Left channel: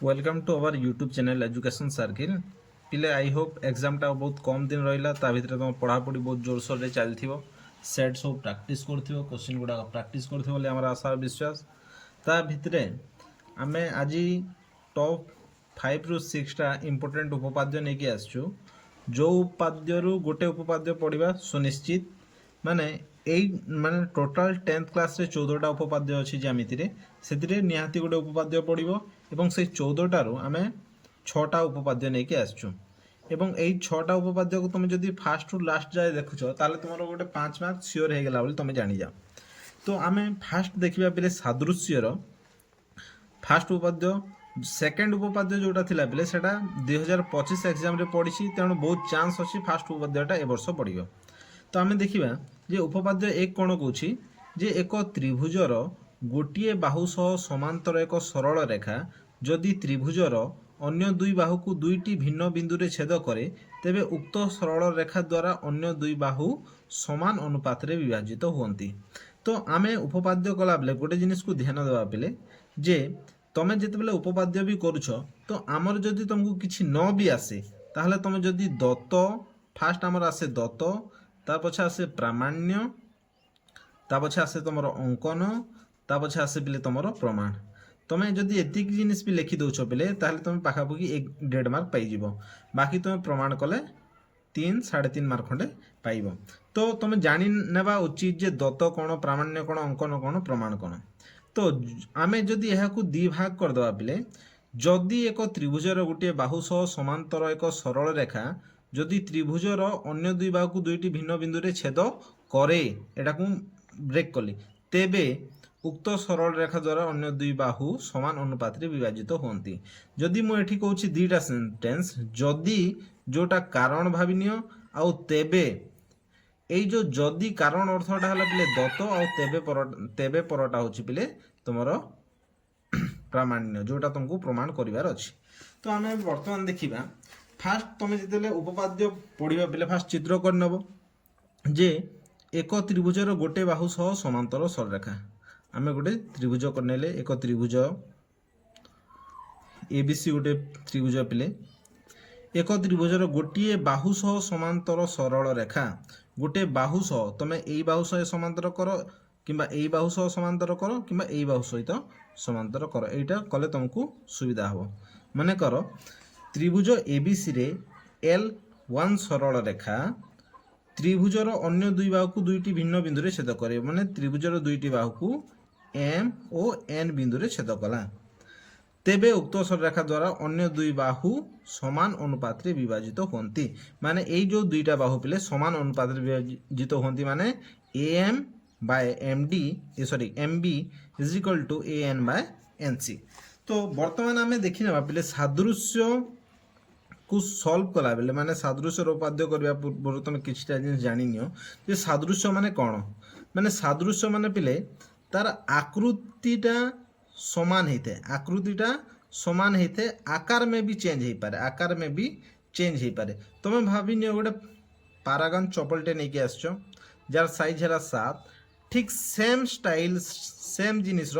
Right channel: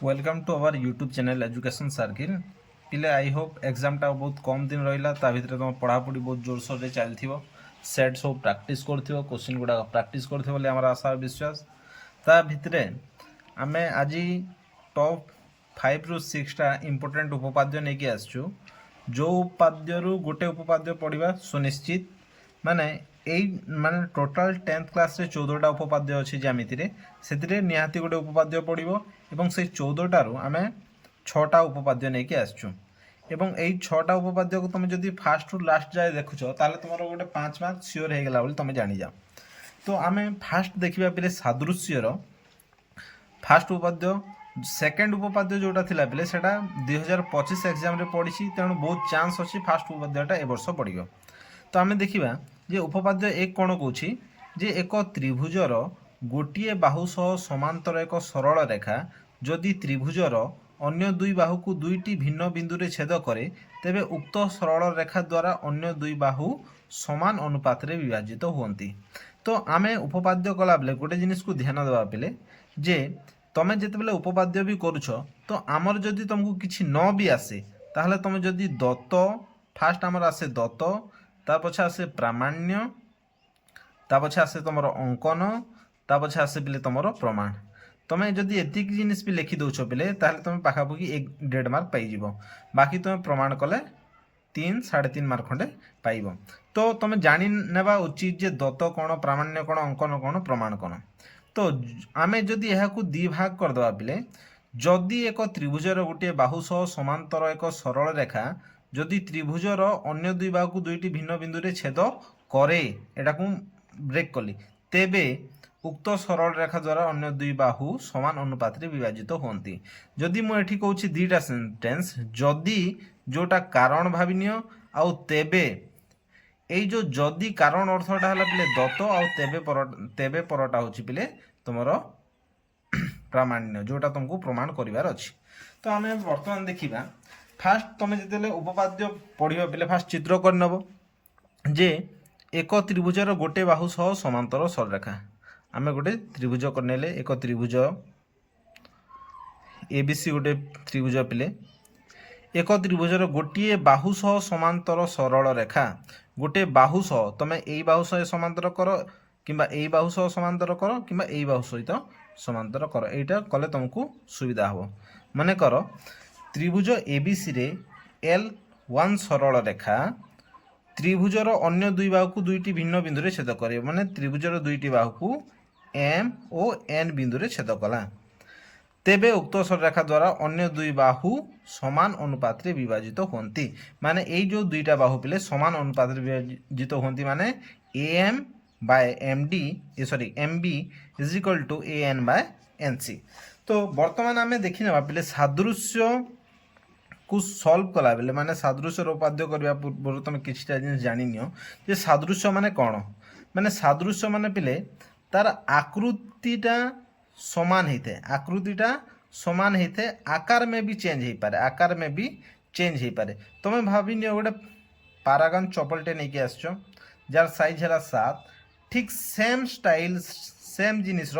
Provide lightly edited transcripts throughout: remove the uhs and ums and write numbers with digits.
Welcome to our YouTube channel education circle पिले I hope एग्जामटा बहुत कम दिन रहा ता भितर तुम पढ़ापढ़ी बहुत जोरसोर से चलती सेट सब प्रैक्टिस कर क्वेश्चन गुड़ा प्रैक्टिस कर आशा विश्वास ता भितर आम आज टॉप 5 ରୁ 6टा इम्पोर्टेंट उपपाद्य नहीं आसचु जो उपाद्य गोटे उपपाद्य पढ़ा सुनिश्चित माने माने टोटाल 10th क्लास रे 14टा उपपाद्य अच्छी ज्यामिति से निहाती गोटे उपपाद्य पड़ो एवं से 14टारू आम 6टा उपपाद्य नहीं आसचु एवं यही 6टा उपपाद्य को तुम जब फास्ट रू लास्ट जाए देखुच ताले तुम गोटे 5 मार्क सियोर हो गला तुम जानी जाओ। तो आम फास्ट देखा पे सादृश्यर फास्ट उपपाद्य सेकेंड उपपाद्य जोटा थिला बेले सेटा 2025 एग्जाम रे पड़ी तेणु बहुत चांस अच्छी फास्ट उपपाद्यटा ए वर्ष पड़ो। तो आम देखा जे उपपाद्य एक कौन कौच जे एक त्रिभुजर गोटे बाहु सह समांतर एक सरल रेखा जदि त्रिभुजर अन्य दुई बाहु को दुईटी भिन्न बिंदु रे छेद करे तेबे उक्त सरल रेखा द्वारा अन्य दुई बाहु समान अनुपात रे विभाजित होती। तो आम उपपाद्य कला बेले गोटे जिनिस को ध्यान देवा बेले जे तमें जिते उपपाद्य भी करुछ तो आमर जदि तुमको किसी न भी आसे ताहले तुम जदि दत्त फास्ट आमर आसे दत्त ता पछे आसे प्रामाण्य ता पछे आसे तुम अंकन ता पछे आसे बेले तुम प्रमाण तुम्हें जदि एतिक जिनिस भी लिखि दौच बेले ताहले तुम पाखापाखि 1.5 मार्क पाइज बाकी तुम प्रमाण कले 3 3.5 मार्क खंडे पाइब। तो तुम जानी नेबा उचित जे दत्त कौन प्रामाण्य कौन अंकन कौन प्रमाण कौन। तो आम जदि यह दी भाग करदे बेले जदि एक त्रिभुजर गोटे बाहु सह समांतर एक सरल रेखा जदि त्रिभुजर अन्य दुई बाहु को दुईटी भिन्न बिंदु रे छेद करे एटा को ब्रेक कली तेबे उक्त सरल रेखा द्वारा अन्य दुई बाहु समान अनुपात रे विभाजित होती। जदि मु एठी कहूछि दीटा सेंटेंस जदि जोटा कारण भावी नियो आउ तेबे এই जो जदि कारण अर्थटा है पिले दत्त आउ तेबे परटा होछि पिले तुमर प्रामाण्य जोटा तुमको प्रमाण करिवार अछि। तो आम वर्तमान देखिबा फास्ट तुम जिते उपपाद्य पढ़ा पिले फास्ट चित्र कर नब जे एक त्रिभुजर गोटे बाहु सह समांतर सररेखा आम गोटे त्रिभुज करने एक त्रिभुज एबीसी गोटे त्रिभुज पिले एक त्रिभुजर गोटे बाहु सह समांतर सरल रेखा गोटे बाहु सह तुम यही बाहु सह समांतर कर कि बाहु सह समांतर कर कि बाहु सहित समांतर कर यहीटा कले तुमको सुविधा हम मन कर त्रिभुज एबीसी रे L1 सरल रेखा त्रिभुजर अन्य दुई बाहु को दुईटी भिन्न बिंदु रे छेद करे माने त्रिभुजर दुईटी बाहु को M और N बिंदु रे छेद कला तेबे उक्त सररेखा द्वारा अन्य दुई बाहु समान अनुपात रे विभाजित होती। माने यही जो दुईटा बाहु पिले समान अनुपात रे विभाजित होती माने AM by MD sorry MB is equal to AN by NC। तो वर्तमान आम देखी ना पिले सादृश्य को सॉल्व कला बेले माने सादृश्य उपाद्य करबा पूर्व तुम किछटा जिनिस जानि नियो जे सादृश्य माने कोन माने सादृश्य माने पिले तार आकृतिटा समान होते आकृतिटा समान होते आकार में भी चेंज हो पारे आकार में भी चेंज हो पारे। तुम्हें भाभी नियो गोटे पारागन चपलटे नहीं आसछ जार साइज है 7 ठीक सेम स्टाइल सेम जिनिस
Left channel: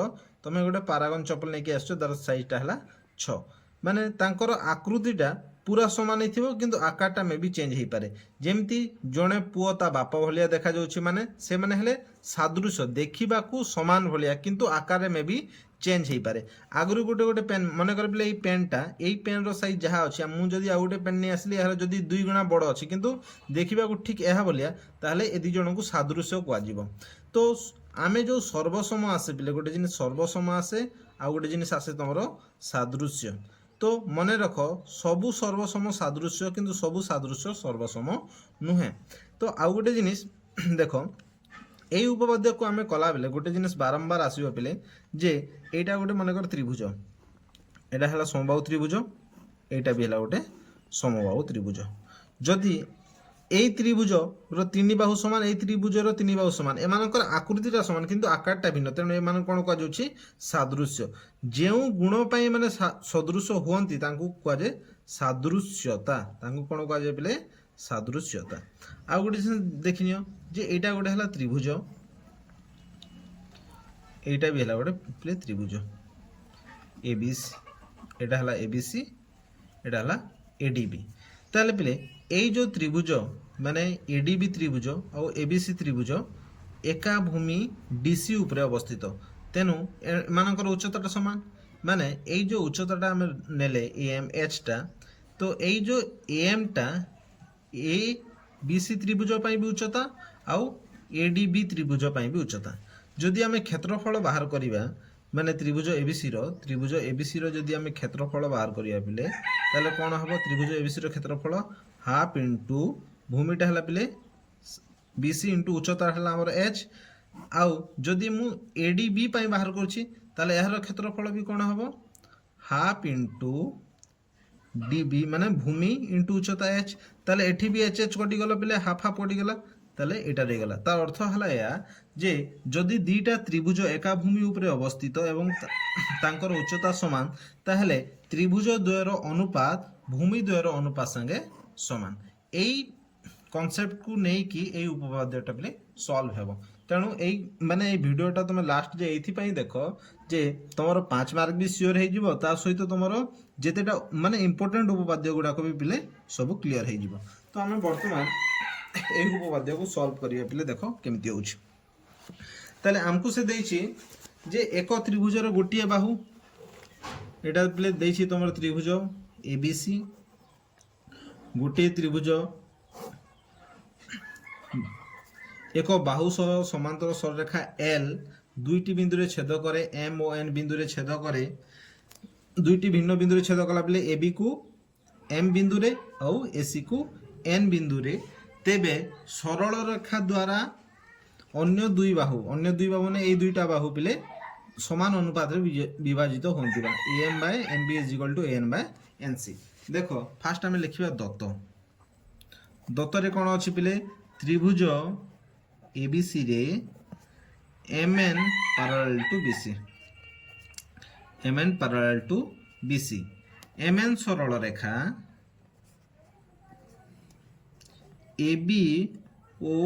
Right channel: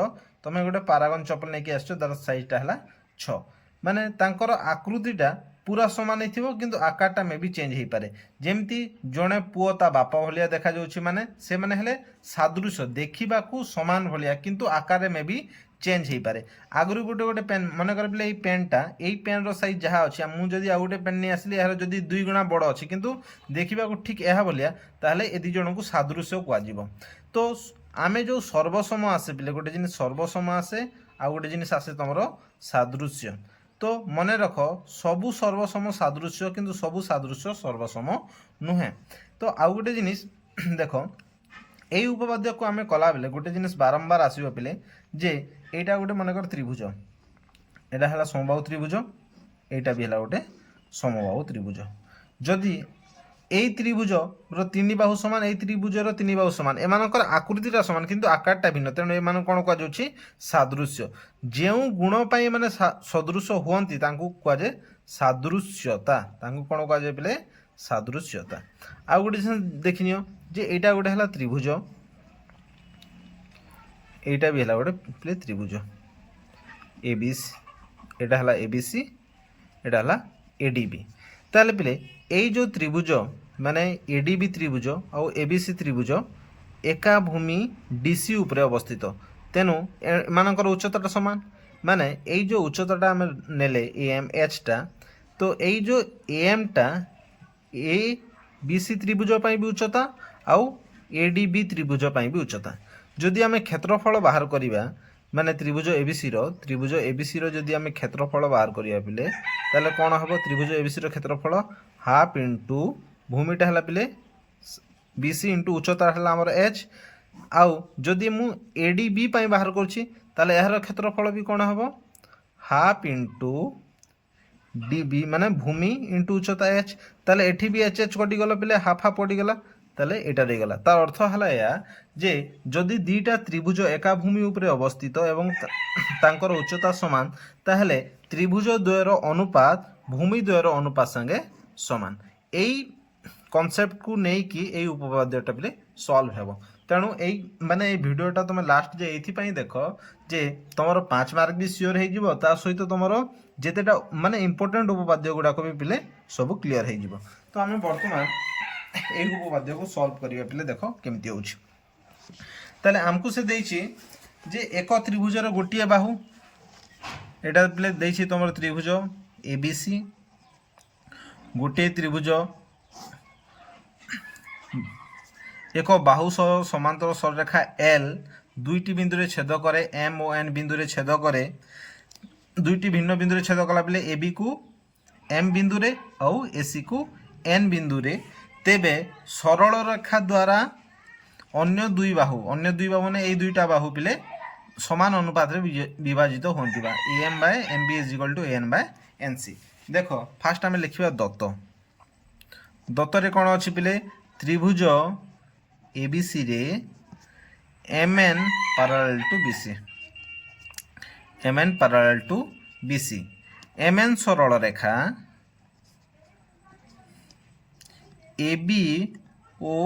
तुम्हें गोटे पारागन चपल नहीं आसछ तार साइजटा है 6 माने तांकर आकृतिटा पूरा समान हो किंतु आकारटा में भी चेंज हो पारे जेमती जड़े पुओ ता बापा भलिया देखा जाउछि माने से माने हेले सादृश्य देखा समान भलिया किंतु आकार में भी चेंज हो पारे। आगु गोटे गोटे पेन मन कर पे पेनटा यही पेन रो साइज जहाँ अच्छी मुझे आउ गोटे पेन नहीं आसली यार जदि 2 गुणा बड़ अच्छी किंतु देखा ठीक यह भलिया ताहले ए दी जन को सादृश्य कह। तो आमे जो सर्वसम आसे पिले गोटे जिनिस सर्वसम आसे आउ गोटे जिनिस आसे तुमर सादृश्य। तो मन रख सबू सर्वसम सादृश्य किंतु सबू सादृश्य सर्वसम नुहे। तो आउ गोटे जिनिस देख यही उपपाद्य को आम कला बेले गोटे जिनिस बारंबार आसो पिले जे एटा गोटे मनकर त्रिभुज एटा है समबाहु त्रिभुज एटा भी है गोटे समबाहु त्रिभुज जदि यही त्रिभुज तीन बाहु समान यही त्रिभुजर 3 बाहु समान एमानकर आकृतिटा समान किंतु आकारटा भिन्न तेणु एमान कौन कहुच्छी सादृश्य जो गुण पाई माने सदृश हुअंती तांकु कहुए सादृश्यता तांकु कौन कहुए पिले सादृश्यता। आउ गोटे देखिनियो जे एटा गोटे है त्रिभुज एटा भी है गोटे पिले त्रिभुज एबीसी এটা হলা এবিসি, এটা হলা এডিবি। তাহলে পিলে এই যে ত্রিভুজ মানে এডিবি ত্রিভুজ আর এবিসি ত্রিভুজ একা ভূমি ডিসি উপরে অবস্থিত, তেণু এমানଙ୍କର উচ্চতাটা সমান। মানে এই যে উচ্চতাটা আমি নেলে এম এইচটা, তো এই যে এমটা এ বিসি ত্রিভুজ পাই বি উচ্চতা আউ এডিবি ত্রিভুজ পাই বি উচ্চতা। যদি আমি ক্ষেত্রফল বাহার করিবা মানে ত্রিভুজ এবিসির যদি আমি ক্ষেত্রফল বাহার করিয়া পিলে, তাহলে কোণ হব? ত্রিভুজ এবিসির ক্ষেত্রফল হাফ ইন্টু ভূমিটা হলা পিলে বিসি ইন্টু উচ্চতা হলা আমার এইচ। আউ যদি মু এডিবি পাই বাহার করছি, তাহলে এর ক্ষেত্রফল বি কোণ হব? হাফ ইন্টু ডিবি মানে ভূমি ইন্টু উচ্চতা এইচ। তাহলে এটি বি এইচ এইচ কটিগলা পিলে হাফ হাফ কটিগলা, তাহলে এটা রয়েগলা। তার অর্থ হল এয়া যে যদি দুইটা ত্রিভুজ একা ভূমি উপরে অবস্থিত এবং তাঙ্কর উচ্চতা সমান, তাহলে ত্রিভুজ দ্বয়ের অনুপাত ভূমি দ্বয়ের অনুপাত সঙ্গে সমান। এই কনসেপ্টକୁ ନେଇକି এই উপপাদ্যটা পিলে সলভ ହେବ। তেণু এই মানে এই ভিডিওটা তুমি লাস্ট যে এইথিপাই দেখ যে তোমার 5 মার্ক বি সিওর হয়ে তা সহিত তোমার যেতেটা মানে ইম্পর্টাট উপপাদ্য গুড়াক বি পিলে সবু ক্লিয়ার হয়ে যাব। তো আমি বর্তমান এই উপপাদ্যକୁ সলভ করিবা পিলে দেখ কেমিতি হচ্ছে। তাহলে আমকু সে দেইছি যে এক ত্রিভুজের গোটিয়ে বাহু, এটা পিলে দেইছি তোমার ত্রিভুজ এবিসি, গোটিয়ে ত্রিভুজ এক বাহু সহ সমান্তর সরলরেখা এল দুইটি বিন্দুরে ছেদ করে, এম ও এন বিন্দুরে ছেদ করে, দুইটি ভিন্ন বিন্দুরে ছেদ কলা বেলে এবি কু এম বিন্দুরে আউ এসি কু এন বিন্দুরে, তেবে সরল রেখা দ্বারা অন্য দুই বাহু মানে এই দুইটা বাহু পিলে সমান অনুপাতে বিভাজিত হন্তিবা M by M B is equal to N by N C. দেখ ফার্স্ট আমি লিখিবা দত্ত। দত্তরে কোণ অছি পিলে ত্রিভুজ এবিসি রে M N parallel to BC, M N parallel to BC, M N সরল রেখা এবি ও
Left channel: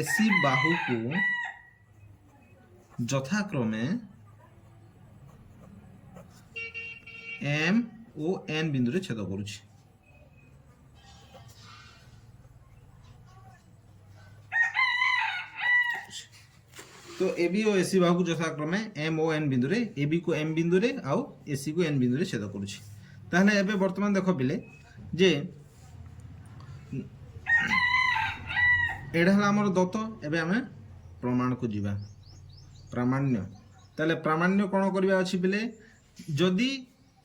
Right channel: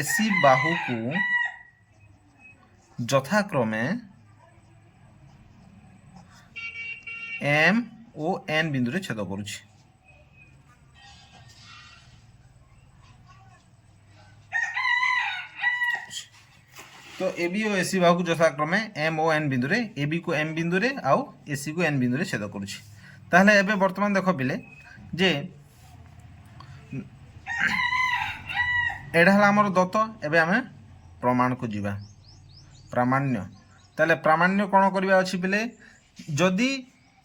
এসি বাহুকু যথাক্রমে এম ও এন বিন্দুরে ছেদ করুছি। তো এবি ও এসি বাহুকু যথাক্রমে এম ও এন বিন্দুরে, এবি কু এম বিন্দুরে আউ এসি কু এন বিন্দুরে ছেদ করুছি। তাহলে এবে বর্তমান দেখ পিলে যে এটা হল আমার দত্ত। এবে আমি প্রমাণকু যা প্রামাণ্য। তাহলে প্রামাণ্য কোণ করা অছি পিলে যদি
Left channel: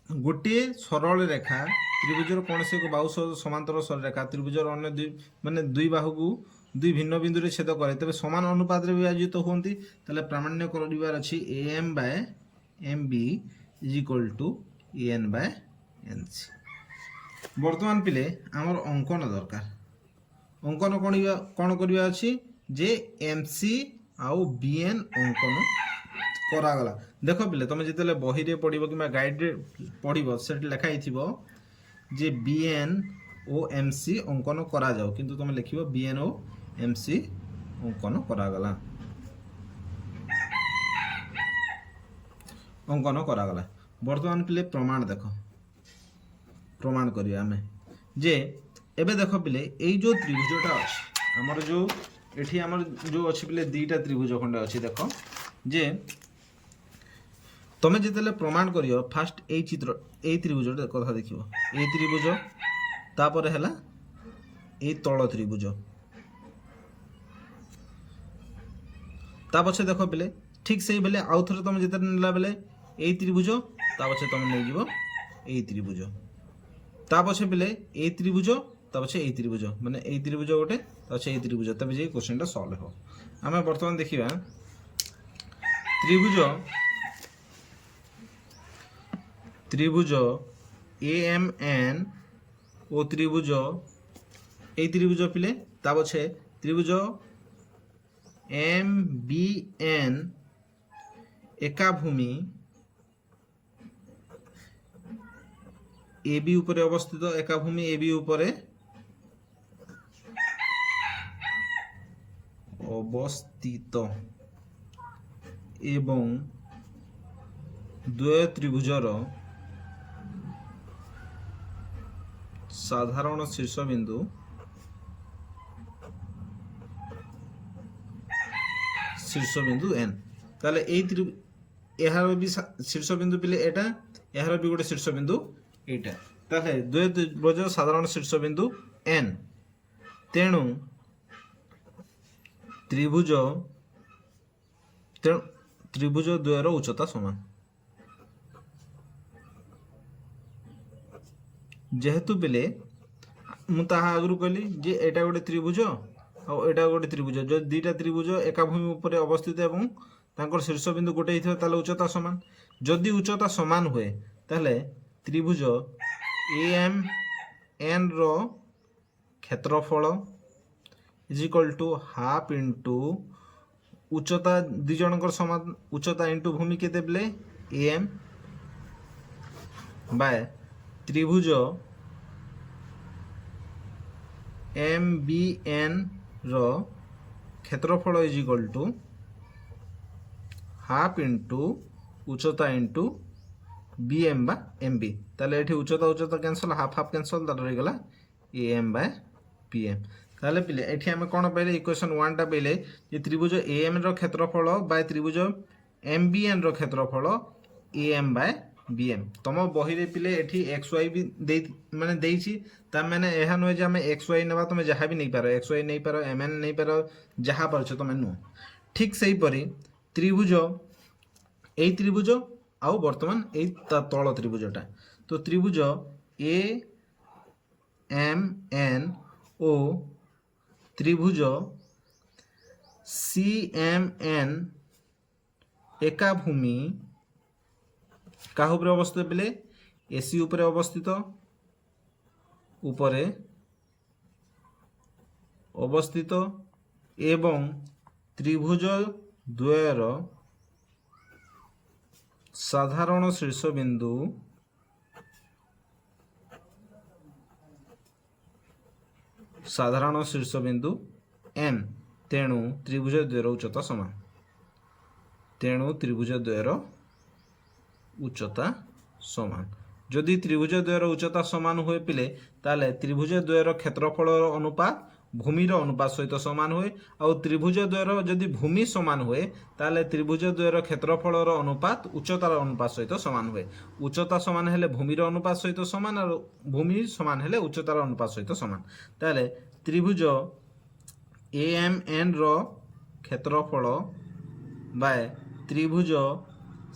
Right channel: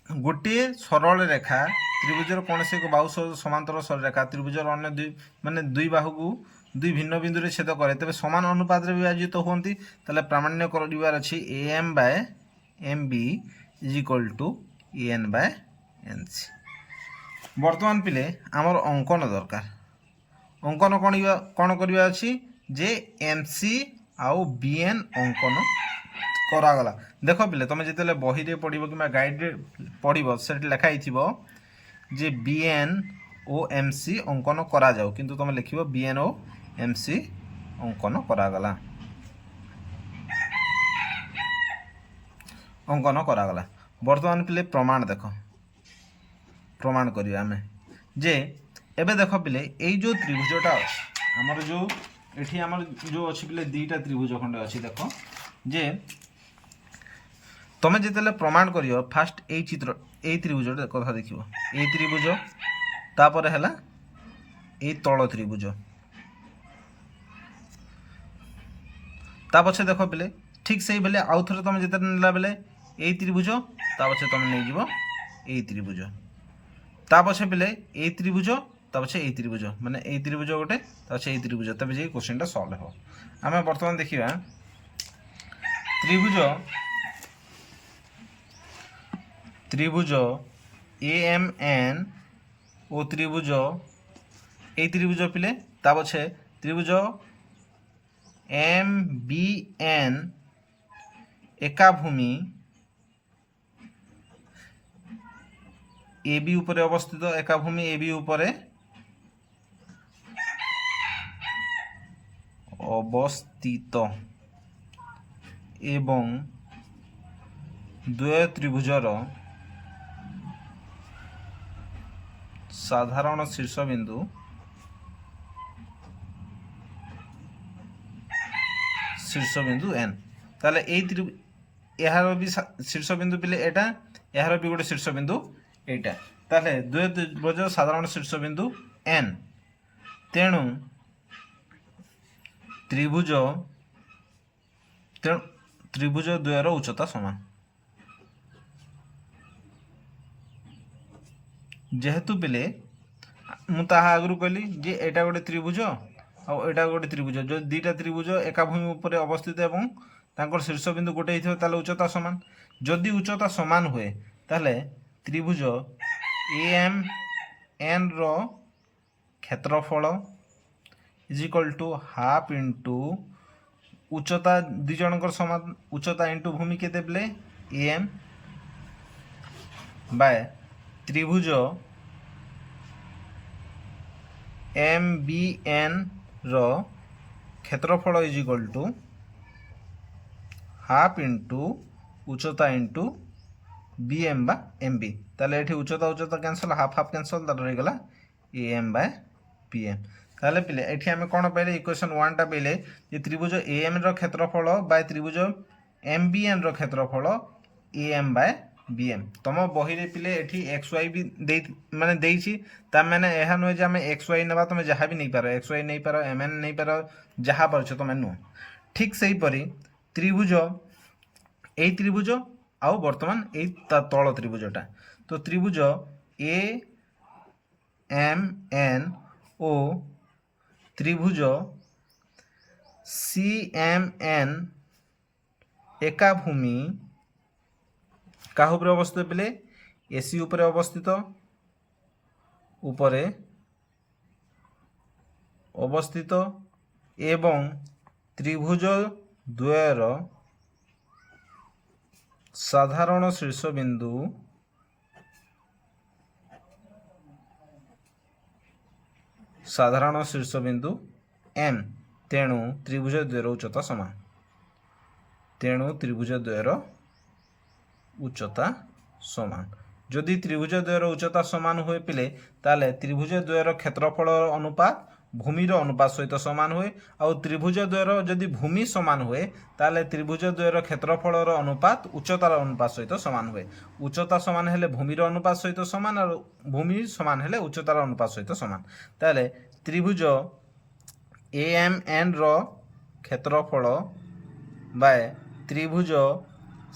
গোটিয়ে সরল রেখা ত্রিভুজের কৌশি এক বাহু সমান্তর সরলরেখা ত্রিভুজের অন্য দুই মানে দুই বাহুকু দুই ভিন্ন বিন্দুরে ছেদ করে, তবে সমান অনুপাতে বিভাজিত হুঁতি। তাহলে প্রামাণ্য করিবার আছে A M by M B is equal to N by N C. বর্তমান পিলে আমার অঙ্কন দরকার। অঙ্কন কোণ করিবা আছে যে এম সি আউ বিএন অঙ্কন କରାଗଲା। ଦେଖ ପିଲେ ତମେ ଯେତେବେଳେ ବହିରେ ପଢ଼ିବ କିମ୍ବା ଗାଇଡ଼ରେ ପଢ଼ିବ ସେଠି ଲେଖା ହେଇଥିବ ଯେ ବିଏନ୍ ଓ ଏମ୍ ସି ଅଙ୍କନ କରାଯାଉ, କିନ୍ତୁ ତମେ ଲେଖିବ ବିଏନ୍ ଓ ଏମ୍ ସି ଅଙ୍କନ କରାଗଲା, ଅଙ୍କନ କରାଗଲା। ବର୍ତ୍ତମାନ ପିଲେ ପ୍ରମାଣ ଦେଖ, ପ୍ରମାଣ କରିବା ଆମେ ଯେ ଏବେ ଦେଖ ପିଲେ ଏଇ ଯେଉଁ ତ୍ରିଭୁଜଟା ଅଛି ଆମର ଯେଉଁ ଏଠି ଆମର ଯେଉଁ ଅଛି ପିଲେ ଦୁଇଟା ତ୍ରିଭୁଜ ଖଣ୍ଡେ ଅଛି। ଦେଖ ଯେ তুমি যেতলে প্রমাণ করিও ফার্স্ট এই চিত্র এই ত্রিভুজটা কথা দেখিব, এই ত্রিভুজ তারপরে হেলা এই তল ত্রিভুজ, তা পছে দেখ বেলে ঠিক সেই বেলে আউ থরে তুমি যেতে নেলা বেলে এই ত্রিভুজ তা পছে তুমি নেই যাব এই ত্রিভুজ, তা পছে বেলে এই ত্রিভুজ তা পছে এই ত্রিভুজ মানে এই ত্রিভুজ গোটে তা পছে এই ত্রিভুজ, তবে যে কোশ্চেনটা সলভ হব। আমি বর্তমান দেখিবা ত্রিভুজ এ এম এন ও ত্রিভুজ এই ত্রিভুজ পিলে তা পছে ত্রিভুজ এম বি এন একা ভূমি এ বি উপরে অবস্থিত, একা ভূমি এ বি উপরে অবস্থিত এবং দ্বয় ত্রিভুজর साधारण शीर्षबिंदु n ताले यार भी शीर्षबिंदु पिले एटा यार भी गोटे शीर्षबिंदु एटा ताले द्विभुज साधारण शीर्षबिंदु n तेणु त्रिभुज द्वयर उच्चता समान जेहेतु पिले मुझे आगु कहली जे एटा गोटे त्रिभुज आटा गोटे त्रिभुज जो दुईटा त्रिभुज एका भूमि उपर अवस्थित एवं तांकर शीर्षबिंदु गोटे ही उच्चता सामान जदि उच्चता सामान हुए ताले त्रिभुज AMN रो क्षेत्रफल is equal to half into उच्चता दुई जनकर समान उच्चता इंटू भूमि केते बेले AM बाय त्रिभुज MBN रो क्षेत्रफल is equal to half into उच्चता इंटू BM बा MB ताले एठी उच्चता कैंसल हाफ हाफ कैंसल ताले रही गला AM बाय PM ताले पिले एठी हमें कोन पाइले इक्वेशन 1 टा पाइले जे त्रिभुज AM रो क्षेत्रफल बाय त्रिभुज MBN रो क्षेत्रफल AM बाय BM तुम बही रे पिले एठी XY भी दे माने देइछि ता माने एहा न जे हमें XY नेबा तुम जहा भी नहीं पारो XY नहीं पारो MN नहीं पारो जहा पारछ तुम नु ठीक सही परी त्रिभुज ए त्रिभुज आउ वर्तमान ए तल त्रिभुजटा तो त्रिभुज AMN ओ त्रिभुज CMN एका भूमि काह उपरे अवस्थित बेले AC उपरे अवस्थित उपरे अवस्थित एवं त्रिभुज द्वयर साधारण शीर्षबिंदु M तेणु त्रिभुज द्वयर उच्चता समान जदि त्रिभुज द्वयर उच्चता समान हुए पिले ताले त्रिभुज द्वयर क्षेत्रफल अनुपात भूमिर अनुपात सहित समान हुए आउ त्रिभुज द्वयर जदि भूमि समान हुए ताले त्रिभुज द्वयर क्षेत्रफल अनुपात उच्चतार अनुपात सहित समान हुए उच्चता समान हेले भूमिर अनुपात सहित समान और भूमि समान हेले उच्चतार अनुपात सहित समान ताले त्रिभुज AMN रो क्षेत्रफल बाय त्रिभुज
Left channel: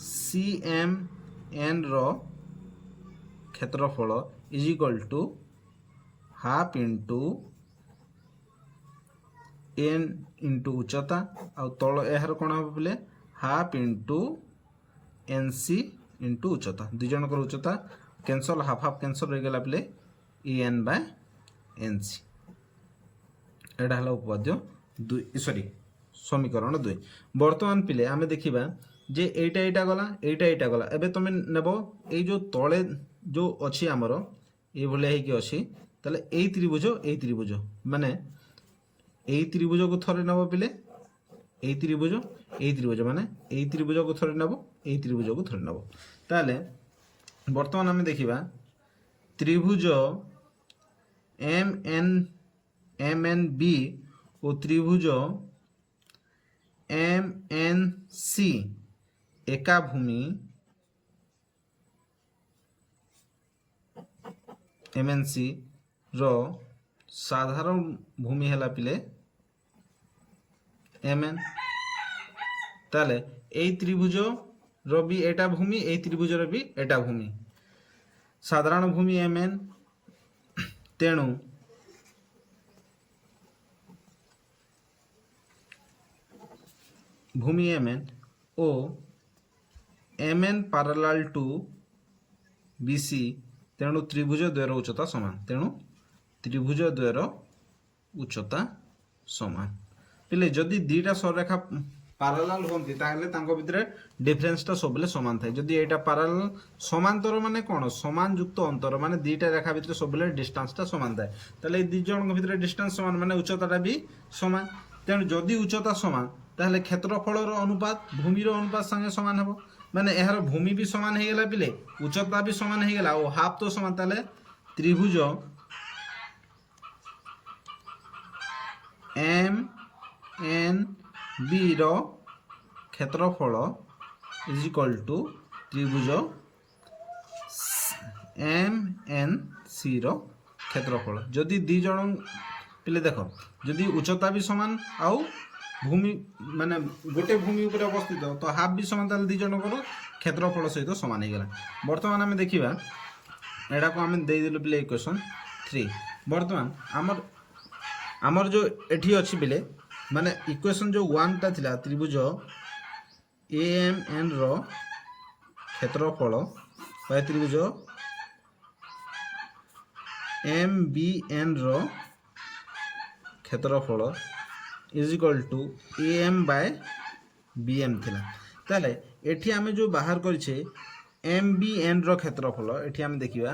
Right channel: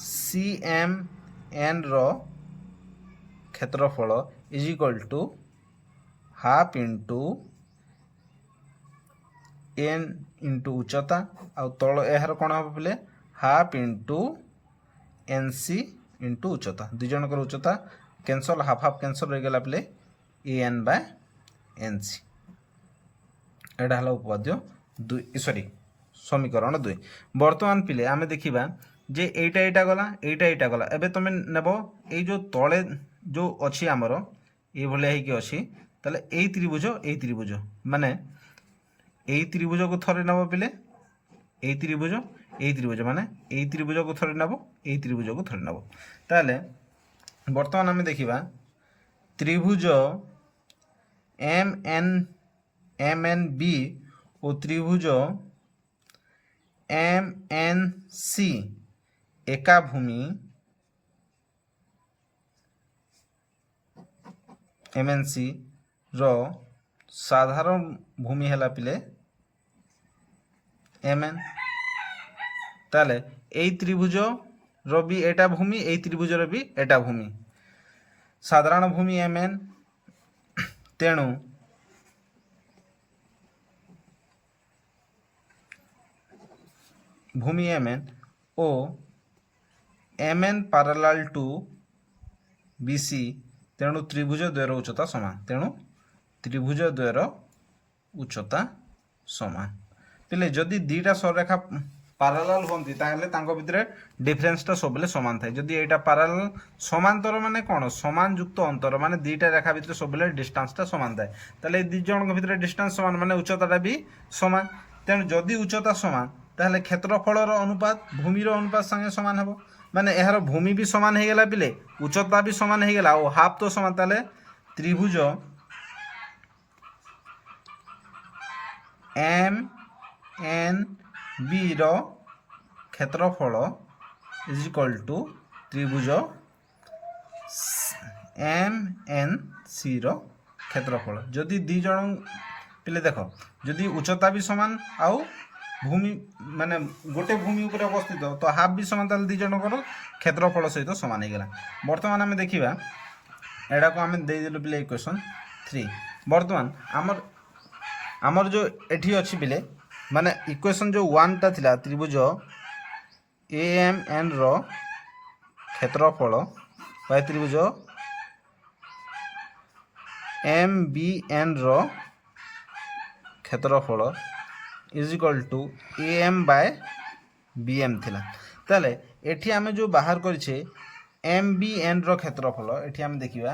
CMN रो क्षेत्रफल is equal to half into n into उच्चता आ तल यार कौन हम बोले हाफ इंटू NC इंटू उच्चता दुई जनकर उच्चता कैंसल हाफ हाफ कैंसल रही गला बोले AN बाय NC एटा हला उपपाद्य सॉरी समीकरण 2 वर्तमान पिले आमे देखिबा जे एटा गला एबे तुम नेब ए जो तले जो अच्छी आमर ये भले ही अच्छी ताले ए त्रिभुज माने ए त्रिभुज को थरे नब पिले ए त्रिभुज माने ए त्रिभुज को थरे नब ए त्रिभुज को थरे नब ताले वर्तमान आमे देखिबा त्रिभुज MNB और त्रिभुज MNC एका भूमि MNC रो साधारण भूमि हैला पिले MN ताले ए त्रिभुज रो भी एटा भूमि ए त्रिभुज रो भी एटा भूमि साधारण भूमि MN तेणु भूमि MN ओ MN पैरेलल टू BC तेणु त्रिभुज द्वयर उच्चता समान पिले जदि दीटा सररेखा पैरेलल होंती ताहले तांको भितरे डिफरेंसटा सबले समान थाए जदि एटा पैरेलल समांतर माने कोन समान युक्त अंतर माने दीटा रेखा भितरे सबले डिस्टेंसटा समान थाए ताले दी जनक भितरे डिस्टेंस समान माने उच्चताटा भी समान तेणु जदि उच्चता समान ताहले क्षेत्रफलर अनुपात भूमिर अनुपात संगे समान हेबो माने एहार भूमि भी समान हो गला पिले उच्चता भी समान हो गला और हाफ तो समान ताले त्रिभुज एम एन बी रो क्षेत्रफल इज इक्वल टू त्रिभुज एम एन सी रो क्षेत्रफल जदि दी जन पिले देख जदि उच्चता भी समान आउ भूमि माने गोटे भूमि ऊपर अवस्थित तो हाफ भी समान ताल दी जनकर क्षेत्रफल सहित समान हो गला। बर्तमान आम देखा एटा को आम देदेलु पिले इक्वेशन 3 बर्तमान आमर जो एठी अच्छी पिले माने इक्वेशन जो 1 टा थिला त्रिभुज ए एम एन रो क्षेत्रफल बा त्रिभुज एम बी एन रो क्षेत्रफल is equal to A M by B M थिला ताले एठी आमे जो बाहर करिछे एम बी एन रो क्षेत्रफल एठी आमे देखिबा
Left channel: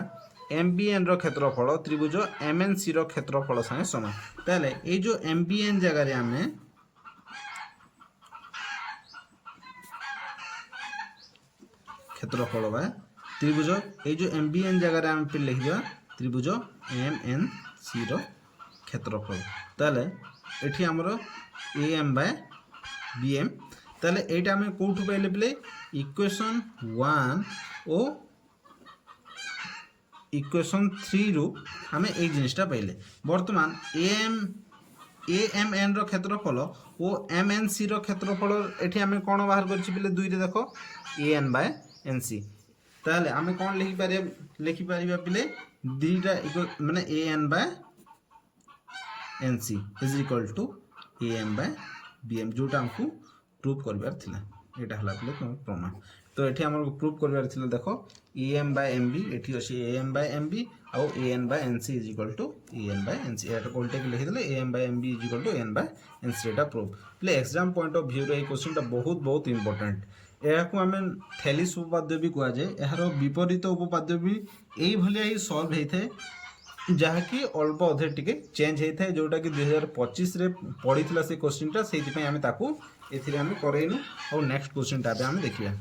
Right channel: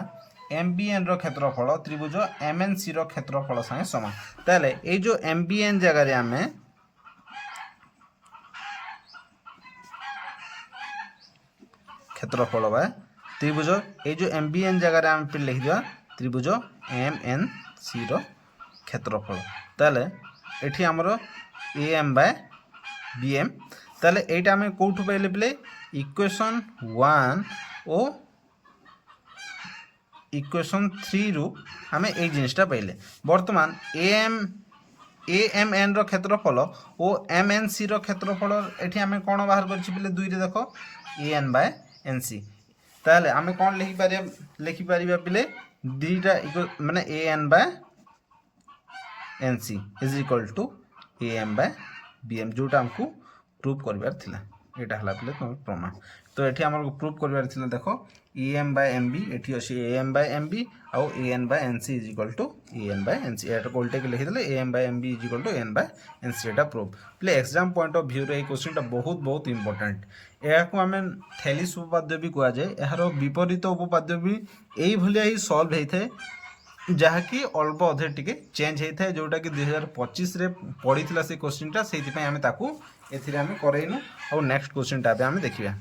एम बी एन रो क्षेत्रफल त्रिभुज एम एन सी रो क्षेत्रफल संगे समान ताले ए जो एम बी एन जगह रे आमे क्षेत्रफल बा त्रिभुज ए जो एम बी एन जगह रे आमे पे लिख दिया त्रिभुज एम एन सी रो क्षेत्रफल ताले एठी हमरो A M by B M ताले एटा हमें कोठु पाइले पिले इक्वेशन 1 ओ इक्वेशन 3 रु हमें ए जिनिसटा पाइले। बर्तमान ए एम एन रो क्षेत्रफल ओ एम एन सी रो क्षेत्रफल एठी हमें कोन बाहर करछि पिले 2 रे देखो A N by N C ताले हमें कोन लिखि परिबा पिले दीटा माने A N by N C is equal to A M by B M जोटा हमको प्रूव करबार थिला एटा हला पिले तुम प्रमाण तो एठी हमर प्रूव करबार थिला देखो A M by M B एठी अछि A M by M B आउ A N by N C is equal to A N by N C एटा कोल्टे के लिखि देले A M by M B is equal to A N by N C एटा prove प्ले exam point of view रे ए question टा बहुत इंपोर्टेंट एहा को हमें थेलिस उपपाद्य भी कुआ जाय एहारो विपरीत उपपाद्य भी एई भलिया ही सॉल्व हेइथे जहाँकि अल्प अधे टिके चेंज होता है जोटा कि 2025 रे पड़ी थिला से क्वेश्चन टा सेति पय हमें ताकू एथिरे हमें करेइनु और नेक्स्ट क्वेश्चन टा हमें देखिया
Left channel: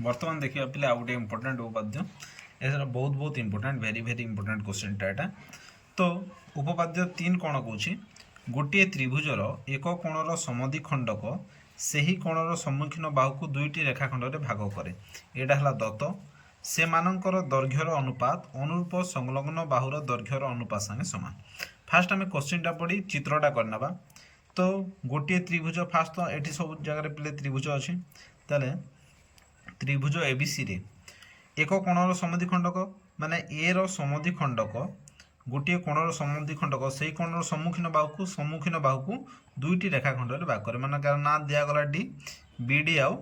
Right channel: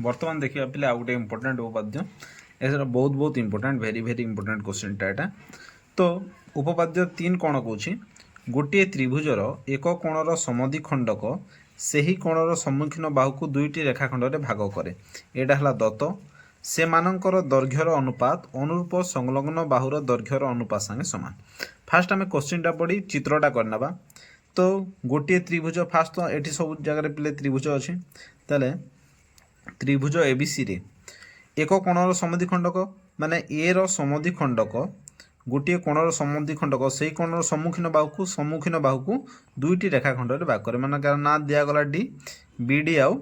वर्तमान देखिया पिले आ गोटे इंपोर्टेंट उपपाद्य एसरा बहुत इंपोर्टेंट वेरी इंपोर्टेंट क्वेश्चन टा एटा तो उपपाद्य 3 कोण कहूची गोटे त्रिभुजर एक कोणर समद्विखंडक सेही कोणर सम्मुखीन बाहु को दुईटी रेखाखंड रे भाग करे एटा हला दत्त से मानकर दैर्घ्यर अनुपात अनुरूप संलग्न बाहुर दैर्घ्यर अनुपात संगे समान। फास्ट आम क्वेश्चन टा पढ़ी चित्रटा करना तो गोटे त्रिभुज फास्ट तो ये सब जगह पे त्रिभुज अच्छे ताले त्रिभुज एबीसी रे एक कोणर समद्विखंडक माने ए रो समद्विखंडक गोटे कोणर समद्विखंडक से कोणर सम्मुखीन बाहु को दुईटी रेखाखंड रे भाग करे माने कार ना दिया गला डी बीडी आउ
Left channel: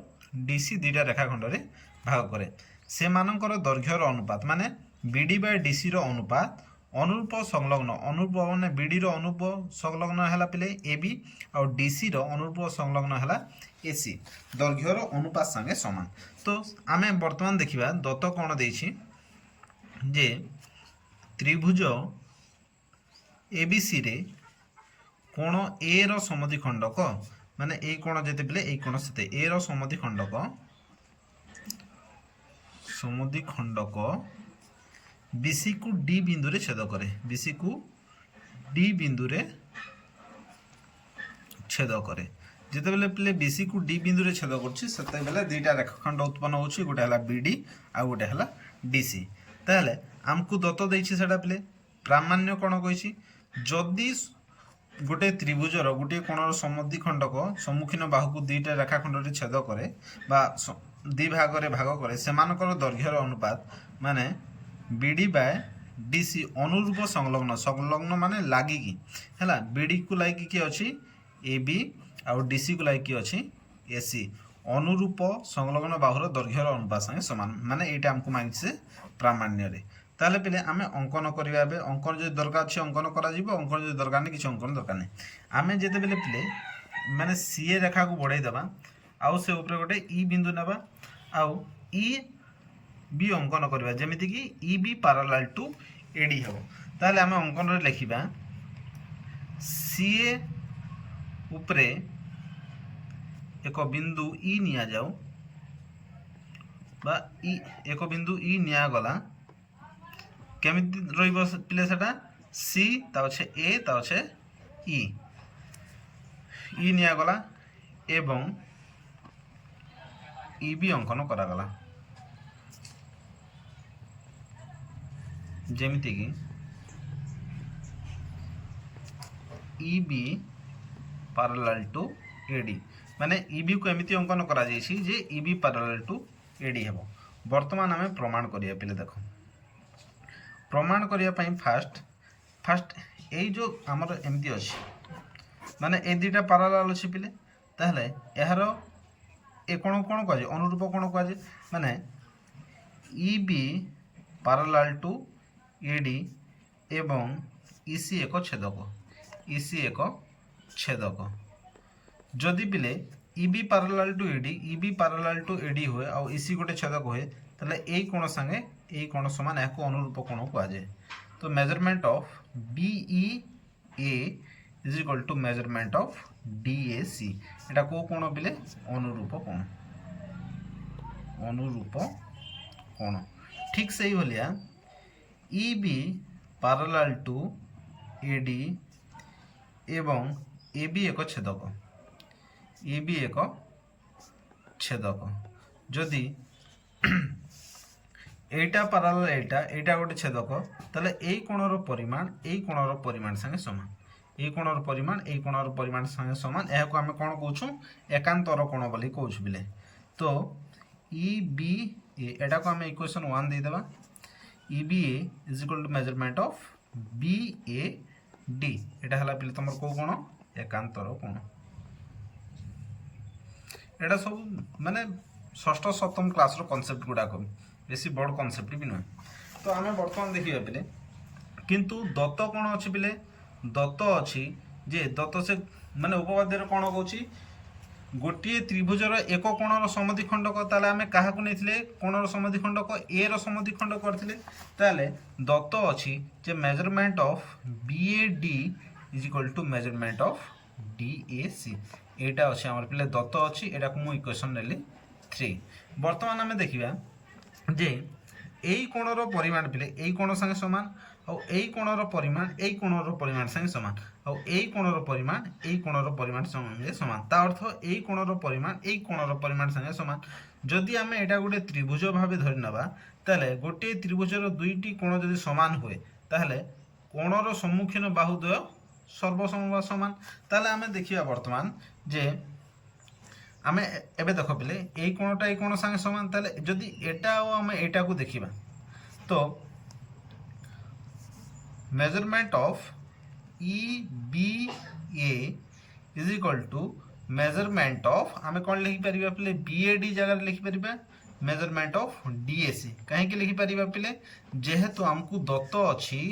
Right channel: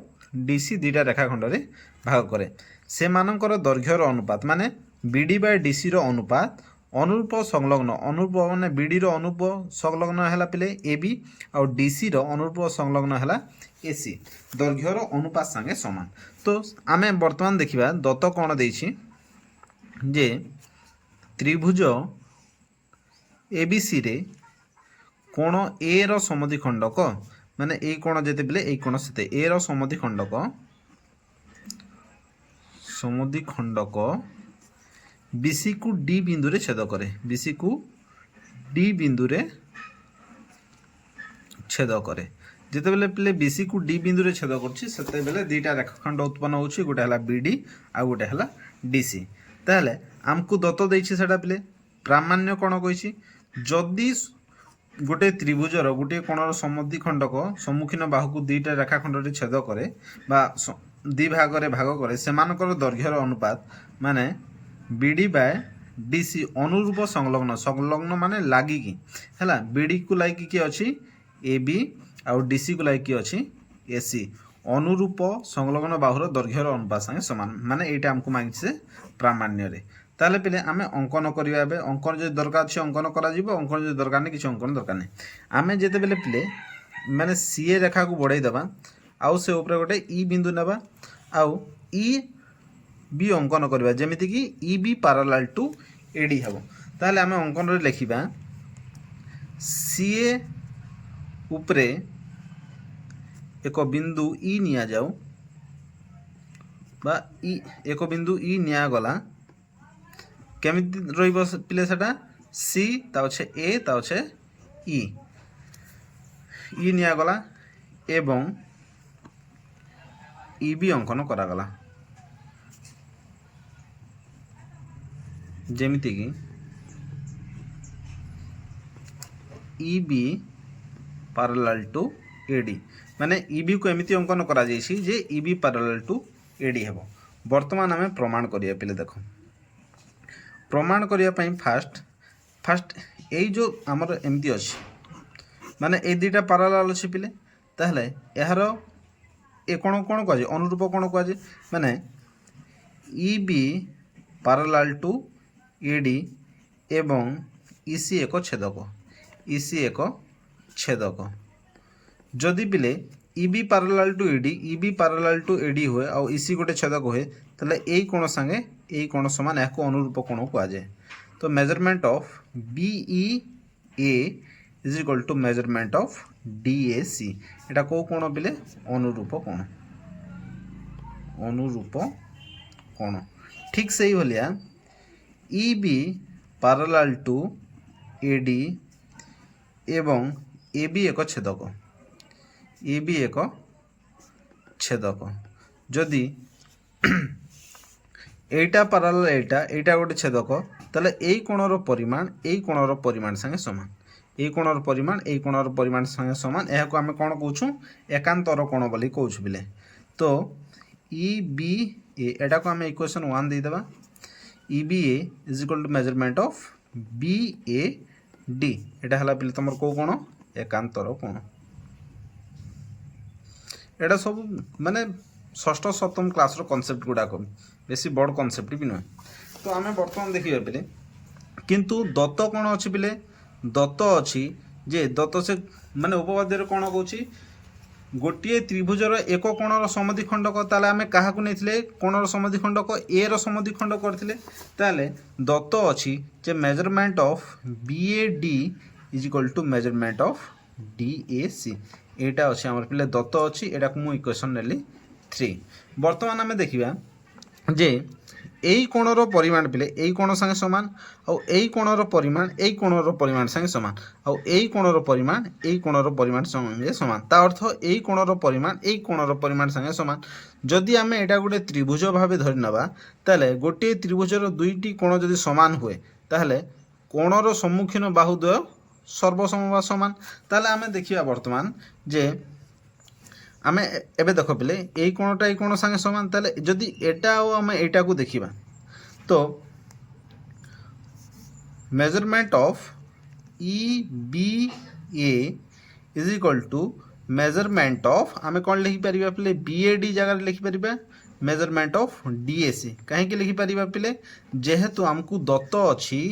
डीसी दुईटा रेखाखंड रे भाग करे से मानकर दैर्घ्यर अनुपात माने बीडी बाय डीसी रो अनुपात अनुरूप संलग्न अनुरूप माने बीडी रो अनुरूप संलग्न हैला पिले एबी और डीसी रो अनुरूप संलग्न हैला एसी दैर्घ्यर अनुपात संगे समान। तो आमे वर्तमान देखिबा दत्त कोण देछि जे त्रिभुज एबीसी रे कोण ए रो समद्विखंडक माने ए कोण जेते पिले ए कोण सेते ए रो समद्विखंडक बीसी को डी बिंदु रे छेद करे बीसी को डी बिंदु रे छेद करे जिते बेले पिले बीसी को डी बिंदु रे छेद करछि सेते बेले दुईटा रेखाखंड उत्पन्न होछि गोटे हला बीडी आ गोटे हला डीसी ताले हमकु दत्त देछि सेटा पिले प्रामाण्य कोण कहिछि जदि गोटे त्रिभुजर गोटे कोणर समद्विखंडक सम्मुखीन बाहु को दुईटा रेखाखंड रे छेद करे बा दि भाग रे भाग करे सेमानकर दैर्घ्यर अनुपात माने बीडी बाय डीसी अनुरूप संलग्न माने लागी की हैला बीडी को लागी की अछि एबी और डीसी को लागी की अछि एसी अनुरूप संलग्न बाहुर दैर्घ्यर अनुपात संगे समान माने एटा हमको मांगि से प्रामाण्य रे ताले पिले आमे अंकन करिया बे अंकन जे दरकार अछि अंकन करा जिवो अंकन जे दरकार नै किछ अंकन दरकार नै आमे जेते बेले पिले माने सीए रेखा को बढ़ाई दबा आउ से ऊपर गोटे ई बिंदु नेबा आउ ई बी अंकन करबा जेमिति कि E B parallel to AD हेबो ताले आमे अंकन रे लिखिबा सीए ऊपर एक बिंदु ई निया जाऊ बा ई एक बिंदु ई निया गला केमिति रहिबो पिले सेटा सी ता ए ता इ इ निगला एवं इ भी अंकन करागला जेमिति कि E B parallel to AD माने इ बी को एमिति अंकन करा जायछि जे E B parallel to AD हेबो। वर्तमान आमे प्रमाण करिया पिले देखो प्रमाण करिया पई फास्ट ए जो हमर एमिति अछि माने ए दुटा पैरेलल अछि पिले ताहले एहार ए कोन कोन कह जे अनुरूप कोन कह जे माने E B parallel to AD एवं इसी एक छेदक इसी एक छेदक जदि पिले इबी पैरेलल टू एडी इबी पैरेलल टू एडी हुए और इसी गोटे छेदक हुए ताले ए कोण संगे ए कोण समान याको अनुरूप कोण को आजे। तो measurement of BE A is equal to measurement of DAC एटा को कोण पिले अनुरूप कोण ठीक से ही भलिया इबी पैरेलल टू एडी एवं ए भी एक छेदक ए भी एक छेदक जदि एटा पैरेलल एटा गोटे छेदक ताले ए कोणर परिमाण संगे समान ए कोणर परिमाण संगे समान एहा को आमे कोन कहूछु एकांतर कोण बोली कहूछु बिले। तो ई बी ए एटा को आमे इक्वेशन 1 दे देबा E B A is equal to measurement of B A D एटा हला पिले तमर को कोण एकांतर कोण एटा सब माने षष्ठ सप्तम क्लास रो कांसेप्ट गुडा को बेसी बड़ कांसेप्ट भी न। तो आमे वर्तमान देखिबा पिले किंतु दत्त कोण अछि पिले दत्त अछि जे दत्त से माने उपपाद्य रे कोण कहूची गोटे त्रिभुजर एक कोणर समद्विखंडक ताले आमे काहा को नेथिले कोणर समद्विखंडक ए रो समद्विखंडक करथिले ताले दत्त अछि जे measurement of BAD is equal to measurement of DAC एटा अछि हमर पिले दत्त अछि एटा को मु इक्वेशन नेली 3। वर्तमान आमे देखिबा जे एई कोणर परिमाण पिले एई कोण संगे समान और एई कोणर परिमाण संगे समान और एई कोणर परिमाण संगे समान ता अर्थ एई कोणर परिमाण संगे समान जदि आमे एटा गोटे त्रिभुज भाबे धरि नबा ताले गोटे त्रिभुजर दुईटी कोण जदि समान हुए ताले कोणर सम्मुखीन बाहुद्वय सर्वसम समान ताले आमे देखिबा वर्तमान जे आमे एबे देखो पिले एई कोण संगे समान ताले जदि एटा और आमे एटा को देखिबा तो measurement of E B A is equal to measurement of आमे कोन लिखि परिबा पिले बीएडी जगह लिखि परिबा मेजरमेंट ऑफ डीएसी काहे के लिखि परिबा पिले जेहेतु हमकु दत्त अछि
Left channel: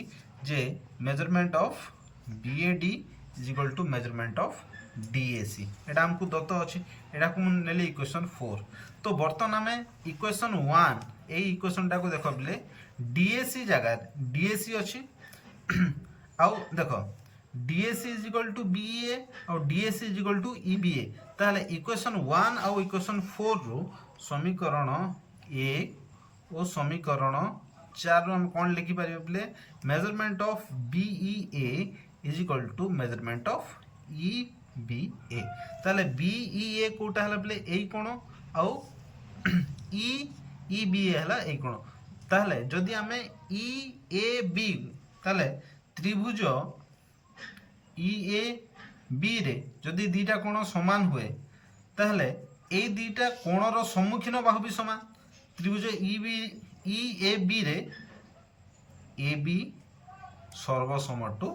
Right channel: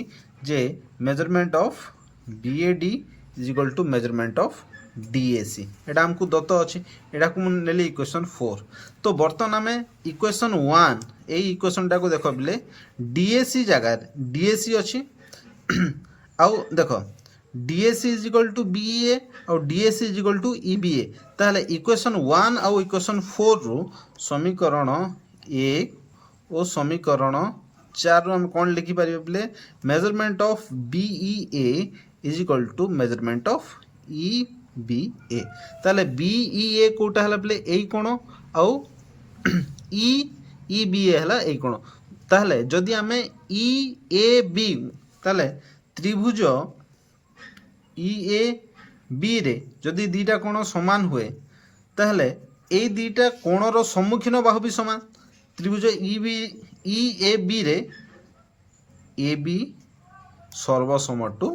जे measurement of BAD is equal to measurement of DAC एटा हमकु दत्त अछि एटा को नेली इक्वेशन 4। तो बर्तन आमे इक्वेशन 1 ए इक्वेशन टा को देखो बिले डीएसी जगह डीएसी अछि आउ देखो DAC is equal to BA और DAC is equal to EBA ताले इक्वेशन 1 और इक्वेशन 4 रो समीकरण 1 और समीकरण 4 रो हम कोन लिखि परिबे बिले measurement of BEA is equal to measurement of EBA ताले बीईए कोटा हला बिले एई कोण आउ ईबीए हला एई कोण ताले जदि हमें ईएबी ताले त्रिभुज ईएबी रे जदि दीटा कोण समान हुए ताले एई दीटा कोणर सम्मुखीन बाहु भी समान त्रिभुज ईएबी रे एबी सर्वसम टू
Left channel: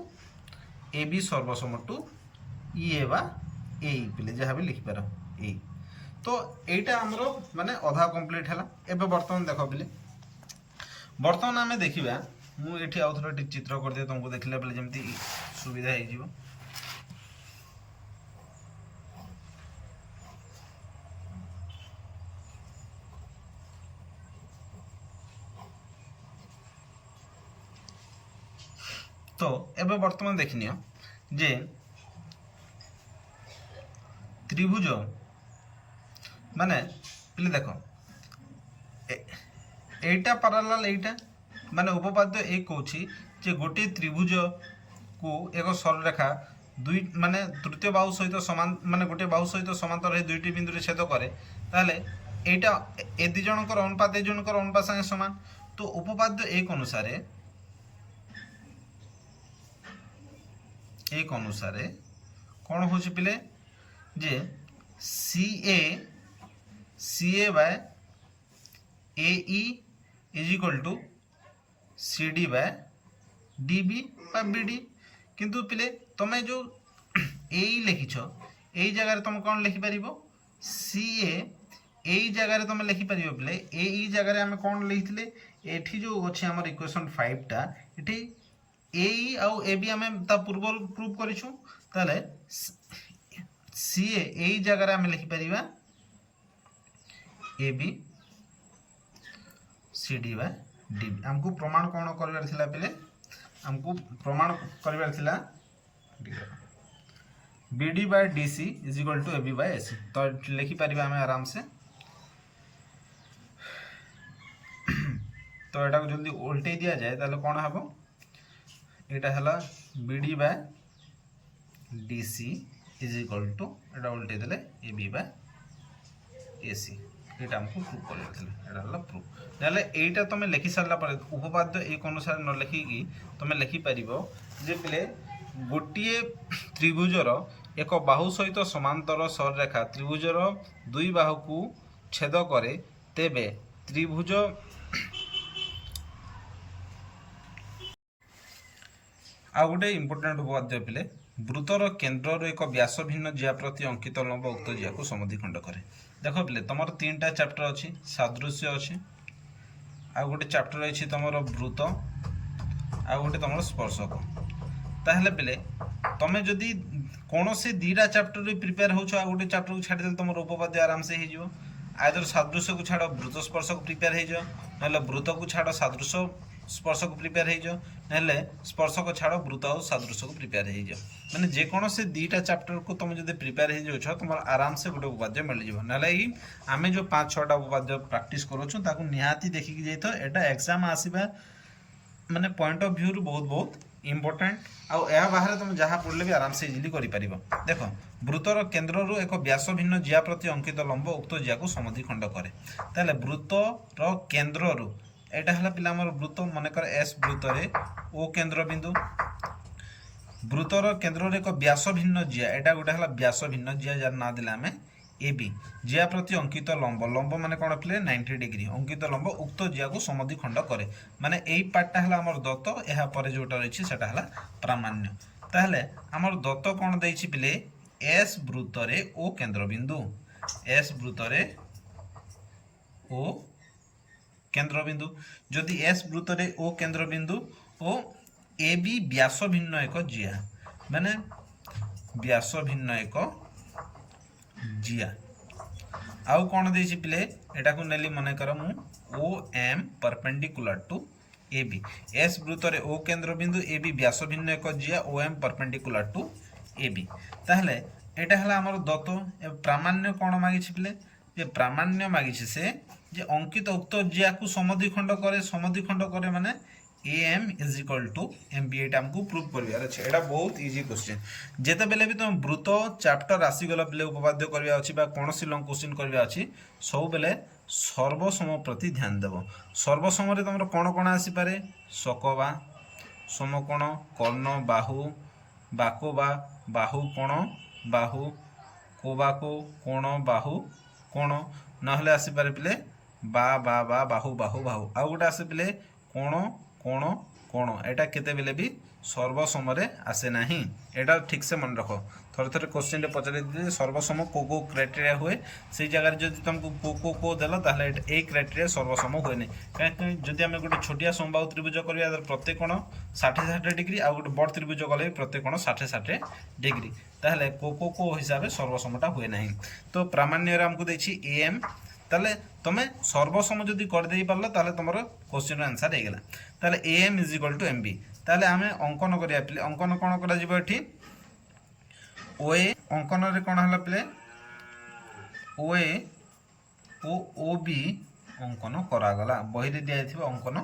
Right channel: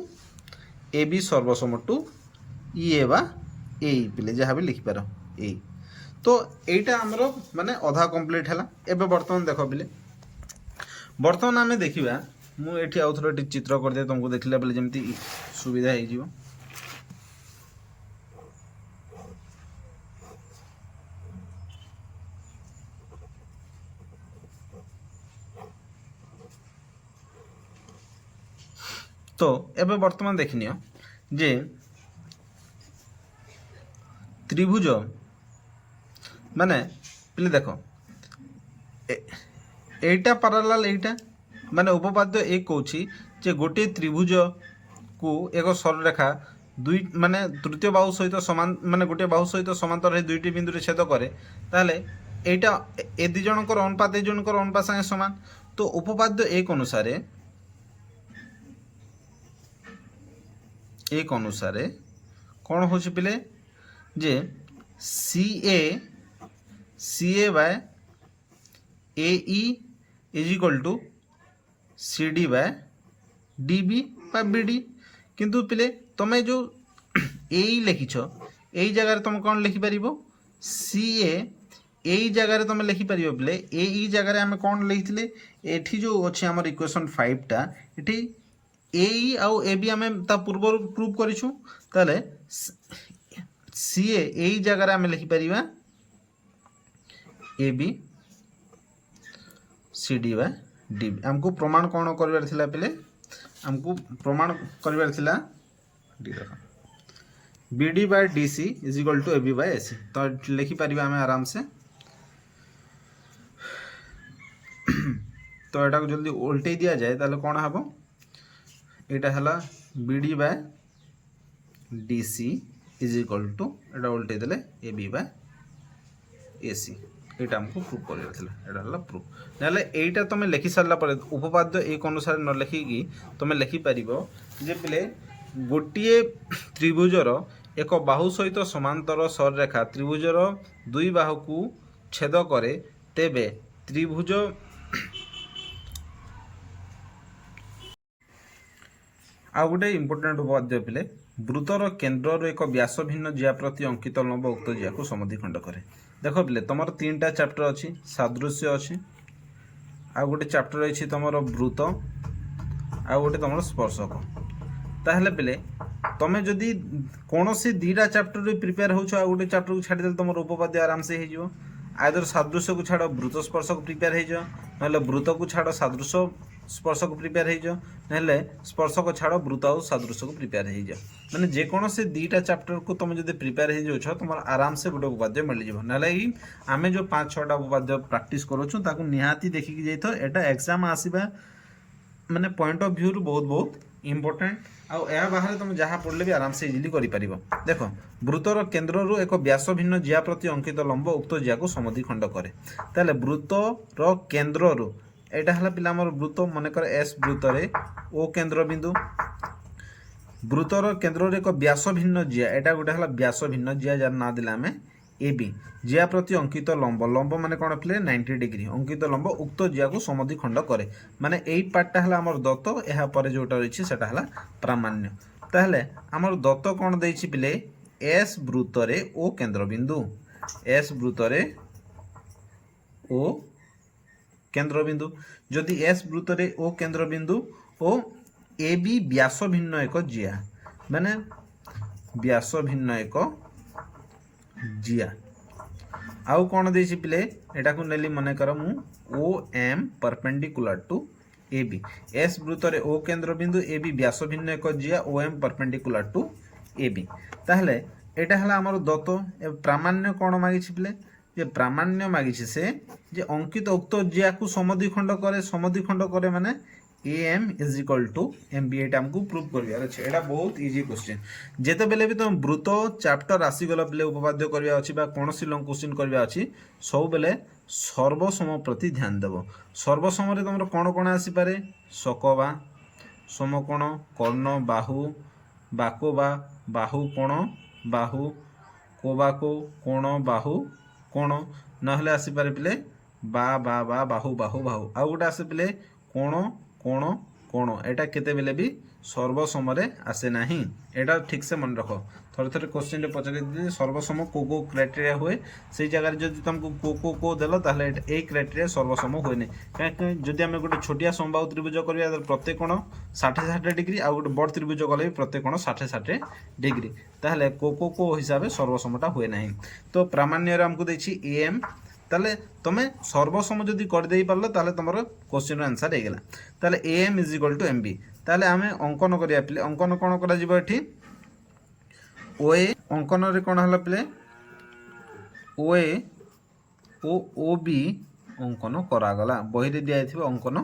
ए बा ए पिले जहाँ भी लिखिपार ए तो एटा हमरो माने अधा कंप्लीट हैला। एबे वर्तमान देखो बिले वर्तमान आमे देखिबा मु एठी आउथरो चित्र कर दे तुमको देखिला बेले जेमती सुविधा हे जिवो। तो एबे वर्तमान देखनियो जे त्रिभुज माने पिले देखो एटा पैरेलल एटा माने उपपाद्य एक कहूची जे गोटे त्रिभुज को एक सरलरेखा दुई माने तृतीय बाहु सहित समान माने गोटे बाहु सहित समांतर है दुईटी बिंदु छेद करे ताहले एटा ए दि जनकर अनुपात ए जनकर अनुपात संगे समान। तो उपपाद्य एक अनुसारे कौन हो पिले जे C A by A is equal to C D by D B बा बी डी। किंतु पिले तुम जो ए लिखिछ यही जगह तुम कौन लिखिपर सी ए जगह तुम लिखिपर पिले ए जगह आम कौन लिखी एठी जो अच्छे आम इक्वेशन 5 टा एठी ए आउ ए बी आम ता पूर्व प्रूव करिछु ताले सी ए जगह आम लिखिपर A B C D by D B. आमको प्रमाण कौन कर पिले आमको प्रमाण कर B D by D C is equal to A B by A C. तो लिखिपर आम आराम से तो यहाँ जल्दी उल्टे दिया जाए ताले कौन हम यहाँ है B D by D C is equal to यहाँ उल्टे देले ए बी बाय ए सी। यहाँ आमको प्रूफ कर प्रूफ ना यहीटा तुम लिखि सारा पर उपपाद्य एक अनुसार न लिखिकी तुम लिखिपर जे पिले गोटे त्रिभुजर एक बाहु सहित समांतर सररेखा त्रिभुजर दुई बाहु को छेद करे तेबे त्रिभुज आ गोटे इम्पोर्टाट उपपाद्य पिले वृत्तर केन्द्र एक व्यास भिन्न जिया प्रति अंकित लंब उक्त जिया को समद्विखंड करे। देख पिले तुम 3टा चैप्टर अच्छी सादृश्य अच्छी आ गोटे चैप्टर रही तुम वृत्त आ गोटे तुम स्पर्शक। ताहले पिले तुम जदि कौन से 2टा चैप्टर प्रिपेयर हो गोटे चैप्टर को छाड़ी तुम उपपाद्य आराम से हो आदर सादृश्य को छाड़ वृत्त स्पर्शक प्रिपेयर हो ना वृत्त को छाड़ सादृश्य स्पर्शक प्रिपेयर हो ना स्पर्शक छाड़ वृत्त और सादृश्य को प्रिपेयर हो मैंने जेकोसी 2टा चैप्टर को तुम जब प्रिपेयर हो जाओ तुम आराम से गोटे उपपाद्य मिल जाए ना आम जो 5-6टा उपपाद्य प्रैक्टिस करूँ निहाती देखिकी जाइए यहाँ एग्जाम आसवा माने पॉइंट ऑफ व्यू बहुत बहुत इम्पोर्टेंट आउ या बाहर तुम जहाँ पढ़ले भी आराम से इजिली कर देख वृत्तर केन्द्र एक व्यास भिन्न जिया प्रति अंकित लंब उक्त जिया को समद्विखंड करे। ताले वृत्तर केन्द्र यहाँ है पिला वृत्त मनकर एस वृत्तरे ओ केन्द्र बिंदु वृत्तर केन्द्र एक व्यास भिन्न जिया यहाँ गोटे है व्यास भिन्न जिया जार ना देला आम ए बी जिया प्रति अंकित लंब लंब माने कौन पिले 90 डिग्री अंकित लंब उक्त जिया को समद्विखंड करे माने यही पार्टा है आमर दत्त या पर जोटा रही है प्रामाण्य। ताहले आमर दत्त कौन देछि पिले एस वृत्तरे ओ केन्द्र बिंदु एस वृत्तरे ओ केन्द्र बिंदु जदि एस वृत्तरे ओ केन्द्र बिंदु ओ ए बी व्यास भिन्न एक जिया माने व्यास भिन्न एक जिया आउ कौन देछि पिले एटा को नेली मने कर मु O M perpendicular to A B एस वृत्तरे ओ केन्द्र बिंदु ए बी व्यास भिन्न एक जिया O M perpendicular to A B. ताहले एटा हला हमर दत्त प्रामाण्य कौन मागिछि पिले जे प्रामाण्य मागिछि से जे अंकित उक्त जिया को समद्विखंड करे माने A M is equal to M B एटा हमको प्रूव करिवार अछि। एटा बहुत इजी क्वेश्चन जेते बेले भी तुम वृत्त चैप्टर आसी गला बेले उपपाद्य करबा अछि बा कोनोसी लंग क्वेश्चन करबा अछि सब बेले सर्वसम प्रति ध्यान देव। सर्वसम रे तुमर कोन कोन आसी पारे सकबा समकोण कर्ण बाहु बाकोबा बाहु कोण बाहु कोबाको कोण बाहु कोण नहले आसी पारे पिले बा बा बा बाहु बाहु बाहु आ गोटे आसे पिले कोण कोण कोण एटा केते बेले भी सर्वसम रे आसे नाही एटा ठीक से मन रखो थोड़े थोड़े क्वेश्चन रे पचारे दे सर्वसम को क्राइटेरिया हुए से जगह जदि तुमको को देलो ताहले ए क्राइटेरिया सर्वसम हुए नै काहे जदि हम गोटे छोटिया समबाहु त्रिभुज करबा प्रत्येक कोण 60-60 डिग्री आ गोटे बड़ त्रिभुज कले प्रत्येक कोण 60-60 डिग्री ताहले को हिसाब से सर्वसमटा हुए नाही। तो प्रामाण्य रे हमको देछि ए एम ताले तुम सर्वसम जदि कर दे पारलो ताले तुमर क्वेश्चन आंसर हो गला। ताले A M is equal to M B ताले आमे अंकन करिया पिले अंकन कोन करा जिवो एठी ओ ए अंकन रे कोन हला पिले ओ ए ओ बी अंकन करा गला बही रे दिया थिबो अंकन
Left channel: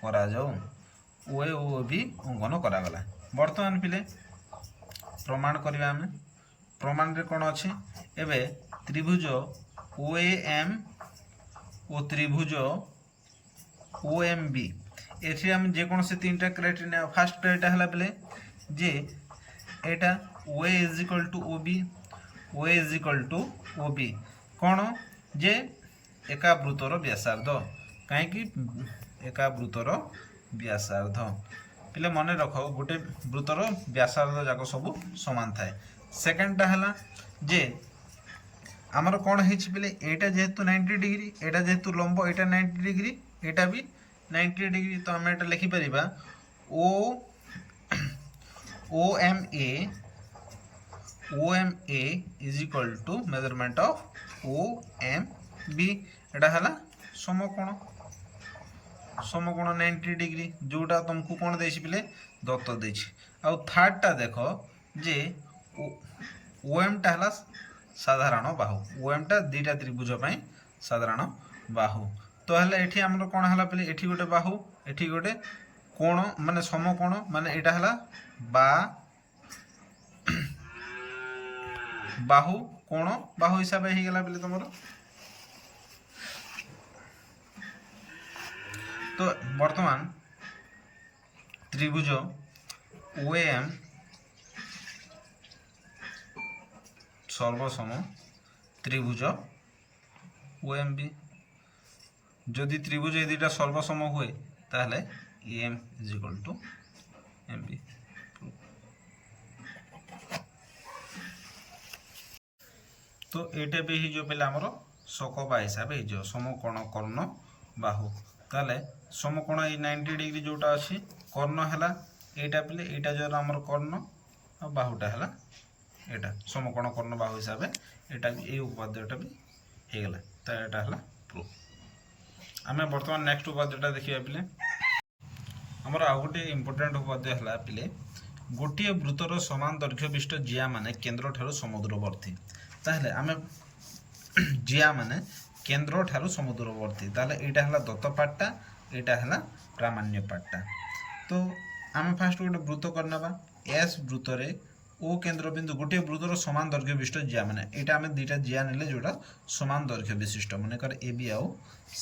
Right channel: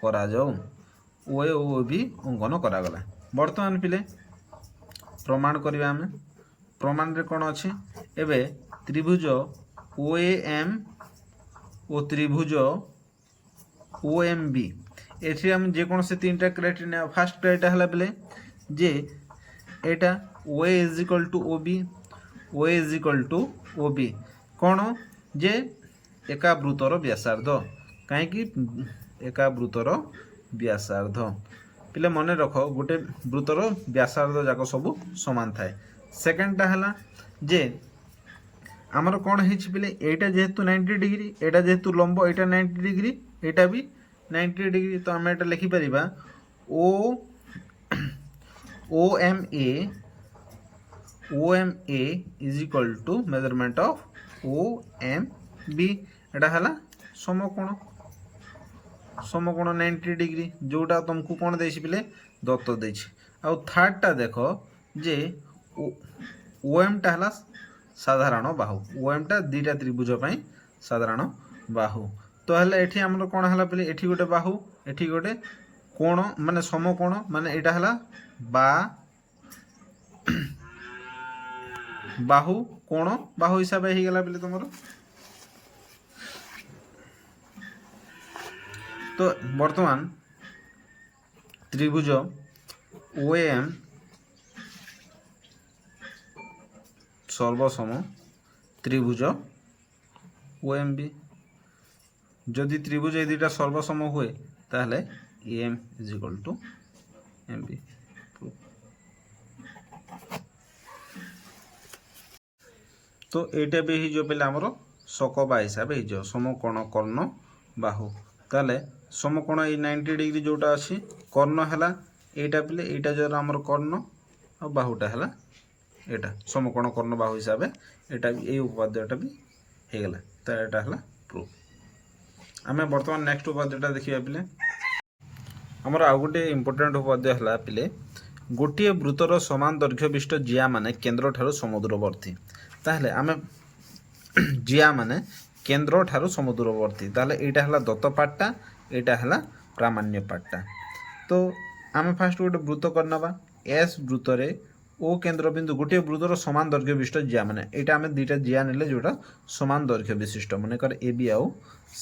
करा जाऊ OA ଓ OB ଅଙ୍କନ କରାଗଲା। ବର୍ତ୍ତମାନ ପିଲେ ପ୍ରମାଣ କରିବା ଆମେ। ପ୍ରମାଣରେ କ'ଣ ଅଛି? ଏବେ ତ୍ରିଭୁଜ OAM ଓ ତ୍ରିଭୁଜ OMB ଏଠି ଆମେ ଯେକୌଣସି ତିନିଟା କ୍ରାଇଟେରିଆ ନେବା। ଫାର୍ଷ୍ଟ କ୍ରାଇଟେରିଆ ହେଲା ବେଲେ ଯେ ଏଇଟା OA is equal to OB, OA is equal to OB କ'ଣ ଯେ ଏକା ବୃତ୍ତର ବ୍ୟାସାର୍ଦ୍ଧ। କାହିଁକି ଏକା ବୃତ୍ତର ବ୍ୟାସାର୍ଦ୍ଧ? ପିଲେ ମନେ ରଖ ଗୋଟେ ବୃତ୍ତର ବ୍ୟାସାର୍ଦ୍ଧ ଯାକ ସବୁ ସମାନ ଥାଏ। ସେକେଣ୍ଡଟା ହେଲା ଯେ ଆମର କ'ଣ ହେଇଛି ପିଲେ ଏଇଟା ଯେହେତୁ 90 ଡିଗ୍ରୀ, ଏଇଟା ଯେହେତୁ ଲମ୍ବ, ଏଇଟା 90 ଡିଗ୍ରୀ, ଏଇଟା ବି 90 ଡିଗ୍ରୀ। ତ ଆମେ ଏଇଟା ଲେଖିପାରିବା OMA is equal to measurement of OMB। ଏଇଟା ହେଲା ସମକୋଣ 90 ଡିଗ୍ରୀ, ଯେଉଁଟା ତୁମକୁ କ'ଣ ଦେଇଛି ପିଲେ ଦତ୍ତ ଦେଇଛି। ଆଉ ଥାର୍ଡ଼ଟା ଦେଖ ଯେ OMଟା ହେଲା ସାଧାରଣ ବାହୁ। OMଟା ଦୁଇଟା ତ୍ରିଭୁଜ ପାଇଁ ସାଧାରଣ ବାହୁ। ତ ହେଲେ ଏଠି ଆମର କ'ଣ ହେଲା ପିଲେ ଏଠି ଗୋଟେ ବାହୁ, ଏଠି ଗୋଟେ କୋଣ ମାନେ ସମକୋଣ, ମାନେ ଏଇଟା ହେଲା ବାହୁ କୋଣ ବାହୁ ହିସାବରେ ହେଇଗଲା ପିଲେ ତମର। ତ ବର୍ତ୍ତମାନ ତ୍ରିଭୁଜ OAM সর্বসম ত্রিভুজ OMB। যদি ত্রিভুজ এই দুইটা সর্বসম হুয়ে তাহলে AM is equal two MB। তো এইটা বি হয়ে যাবে আমার সকবা হিসাবে হয়ে যাব সমকোণ কর্ণ বাহু। তাহলে সমকোণ এই 90 ডিগ্রি যেটা আছে কর্ণ হেলা এইটা পিলে, এইটা যার আমার কর্ণ আর বাহুটা হেলা এটা সমকোণ কর্ণ বাহু হিসাবে এটা এই উপাদ্যটা বি হয়ে গেল। তো এটা হলা প্রুফ। আমি বর্তমান নেক্সট উপাদ্যটা দেখিবা পিলে। আমার আউ গোটে ইম্পর্টান্ট উপাদ্য হলা পিলে গোটিয়ে বৃত্তর সমান দৈর্ঘ্য বিশিষ্ট জিয়া মানে কেন্দ্র ঠারু সমুদ্রবর্তী। তাহলে আমি জিয়া মানে কেন্দ্র ঠারু সমুদ্রবর্তী, তাহলে এইটা হলা দত্ত পার্টটা, এইটা হলা প্রামাণ্য পার্টটা। তো আমি ফার্স্ট গোটে বৃত্ত করে নেবা। এস বৃত্তরে ও কেন্দ্রবিন্দু গোটিয়ে বৃত্তর সমান দৈর্ঘ্য বিশিষ্ট জিয়া মানে এটা আমি দুইটা জিয়া নেলে যেটা সমান দৈর্ঘ্য বিশিষ্ট মনে কর AB আউ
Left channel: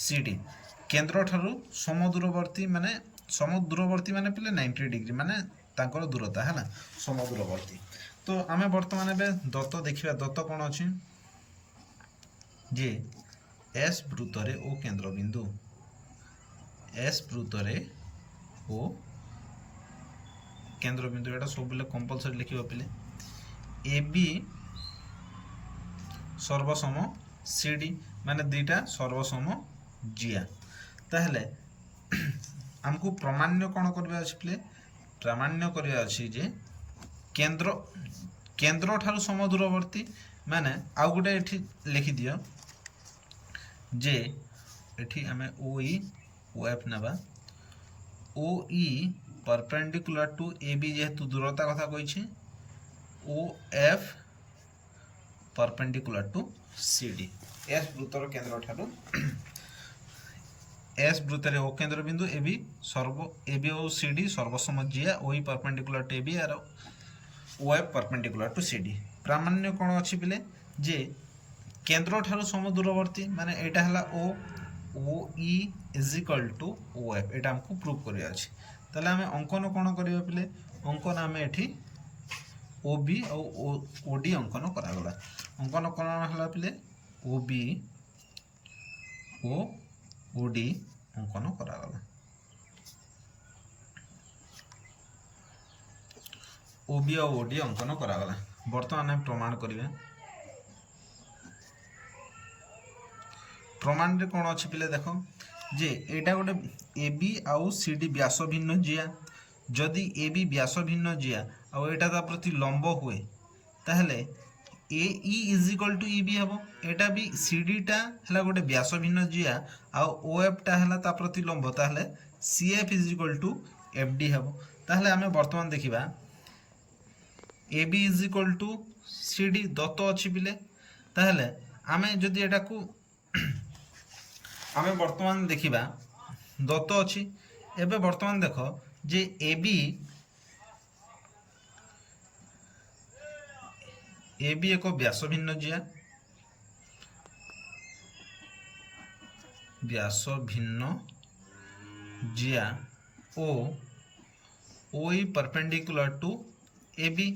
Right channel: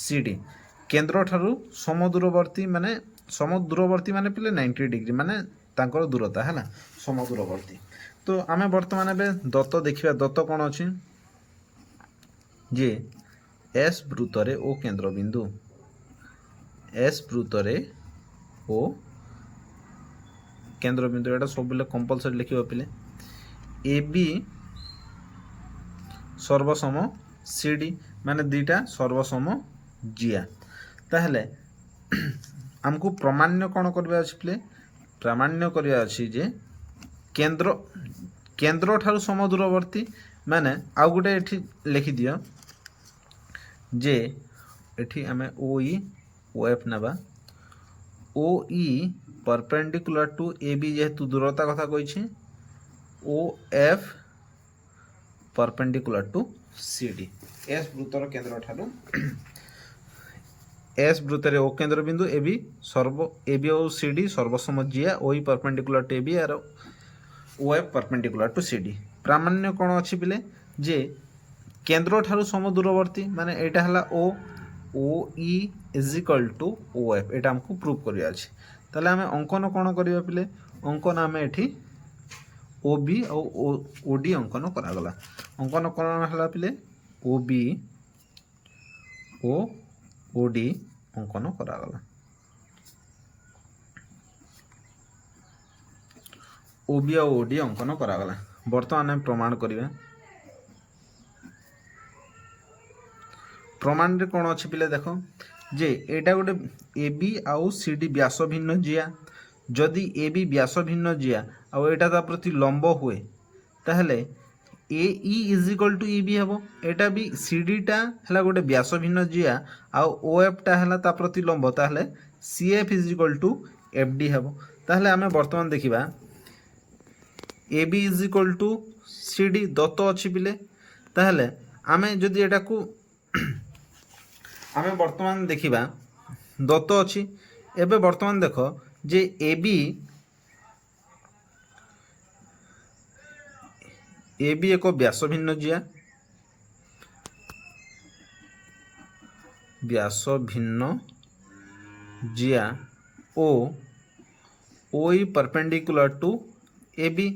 CD কেন্দ্র ঠারু সমদূরবর্তী মানে পিলে 90 ডিগ্রি মানে তাঙ্কর দূরতা হলা সমদূরবর্তী। তো আমি বর্তমানে এবে দত্ত দেখিবা। দত্ত কোন ଅଛି যে এস বৃত্তরে ও কেন্দ্রবিন্দু, এস বৃত্তরে ও কেন্দ্রবিন্দু এটা সবুলে কম্পালসরি লিখিব পিলে। AB সর্বসম CD মানে দুইটা সর্বসম জিয়া। তাহলে আমকু প্রমাণ্য কোন করিবা আছে পিলে? প্রমাণ্য করিবা আছে যে কেন্দ্র ঠারু সমদূরবর্তী মানে আউ গোটে এটি লিখি দিও যে এটি আমি OE OF নেবা। OE परपेंडिकुलर टू AB जेहेतु दूरता कथा कही OF परपेंडिकुलर टू CD। एस वृत्तर केंद्र ठारू एस वृत्तर ओ केंद्र बिंदु AB और CD सर्वसम जिया OE परपेंडिकुलर टू AB और OF परपेंडिकुलर टू CD। प्रामाण्य कौन अच्छी पिले जे केंद्र ठारू समदूरवर्ती माने एटा हला OE is equal to OF एटा हमको प्रूव करिया अछि। তাহলে আমি অঙ্কন কোণ করিবা পিলে? অঙ্কন আমি এটি OB আর OD অঙ্কন করাগলা। অঙ্কন কোণ হলা পিলে OB ও OD অঙ্কন করাগলা। OB আর OD অঙ্কন করাগলা। বর্তমানে আমি প্রমাণ করিবা। প্রমাণরে কোণ আছে পিলে দেখো যে এটা গোটে AB আউ CD ব্যাস ভিন্ন জিয়া। যদি AB ব্যাস ভিন্ন জিয়া আর এটা তা প্রতি লম্ব হুয়ে তাহলে AE is equal two EB হব। এটা বি CDটা হলা গোটে ব্যাস ভিন্ন জিয়া আর OFটা হলা তা প্রতি লম্ব, তাহলে CF is equal two FD হব। তাহলে আমি বর্তমান দেখিবা AB is equal two CD Dutta ଅଛି পিলে। তাহলে আমি যদি এটাকু আমি বর্তমান দেখিবা দত্ত ଅଛି। এবে বর্তমান দেখো जे ए बी एक व्यास भिन्न जिया ओ ओई परपेंडिकुलर टू ए बी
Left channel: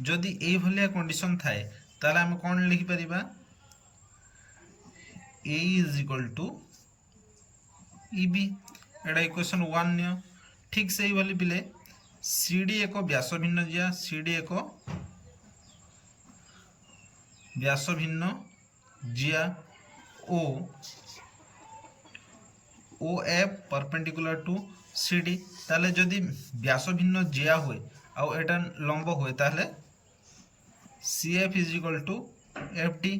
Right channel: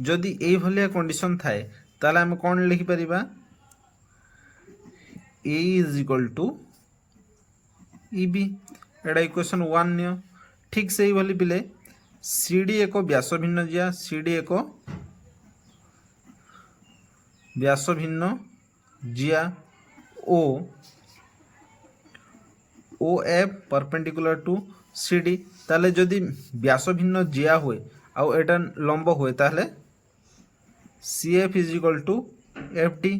जदि ये भलिया कंडीशन थाए ताले हम कौन लिखि परिबा A is equal to E B एटा इक्वेशन 1 नियो ठीक से ही भली पिले सी डी एक व्यास भिन्न जिया सी डी एक व्यास भिन्न जिया O O F perpendicular to C D ताले जदि व्यास भिन्न जिया हुए आउ एटा लंब हुए ताले C F is equal to F D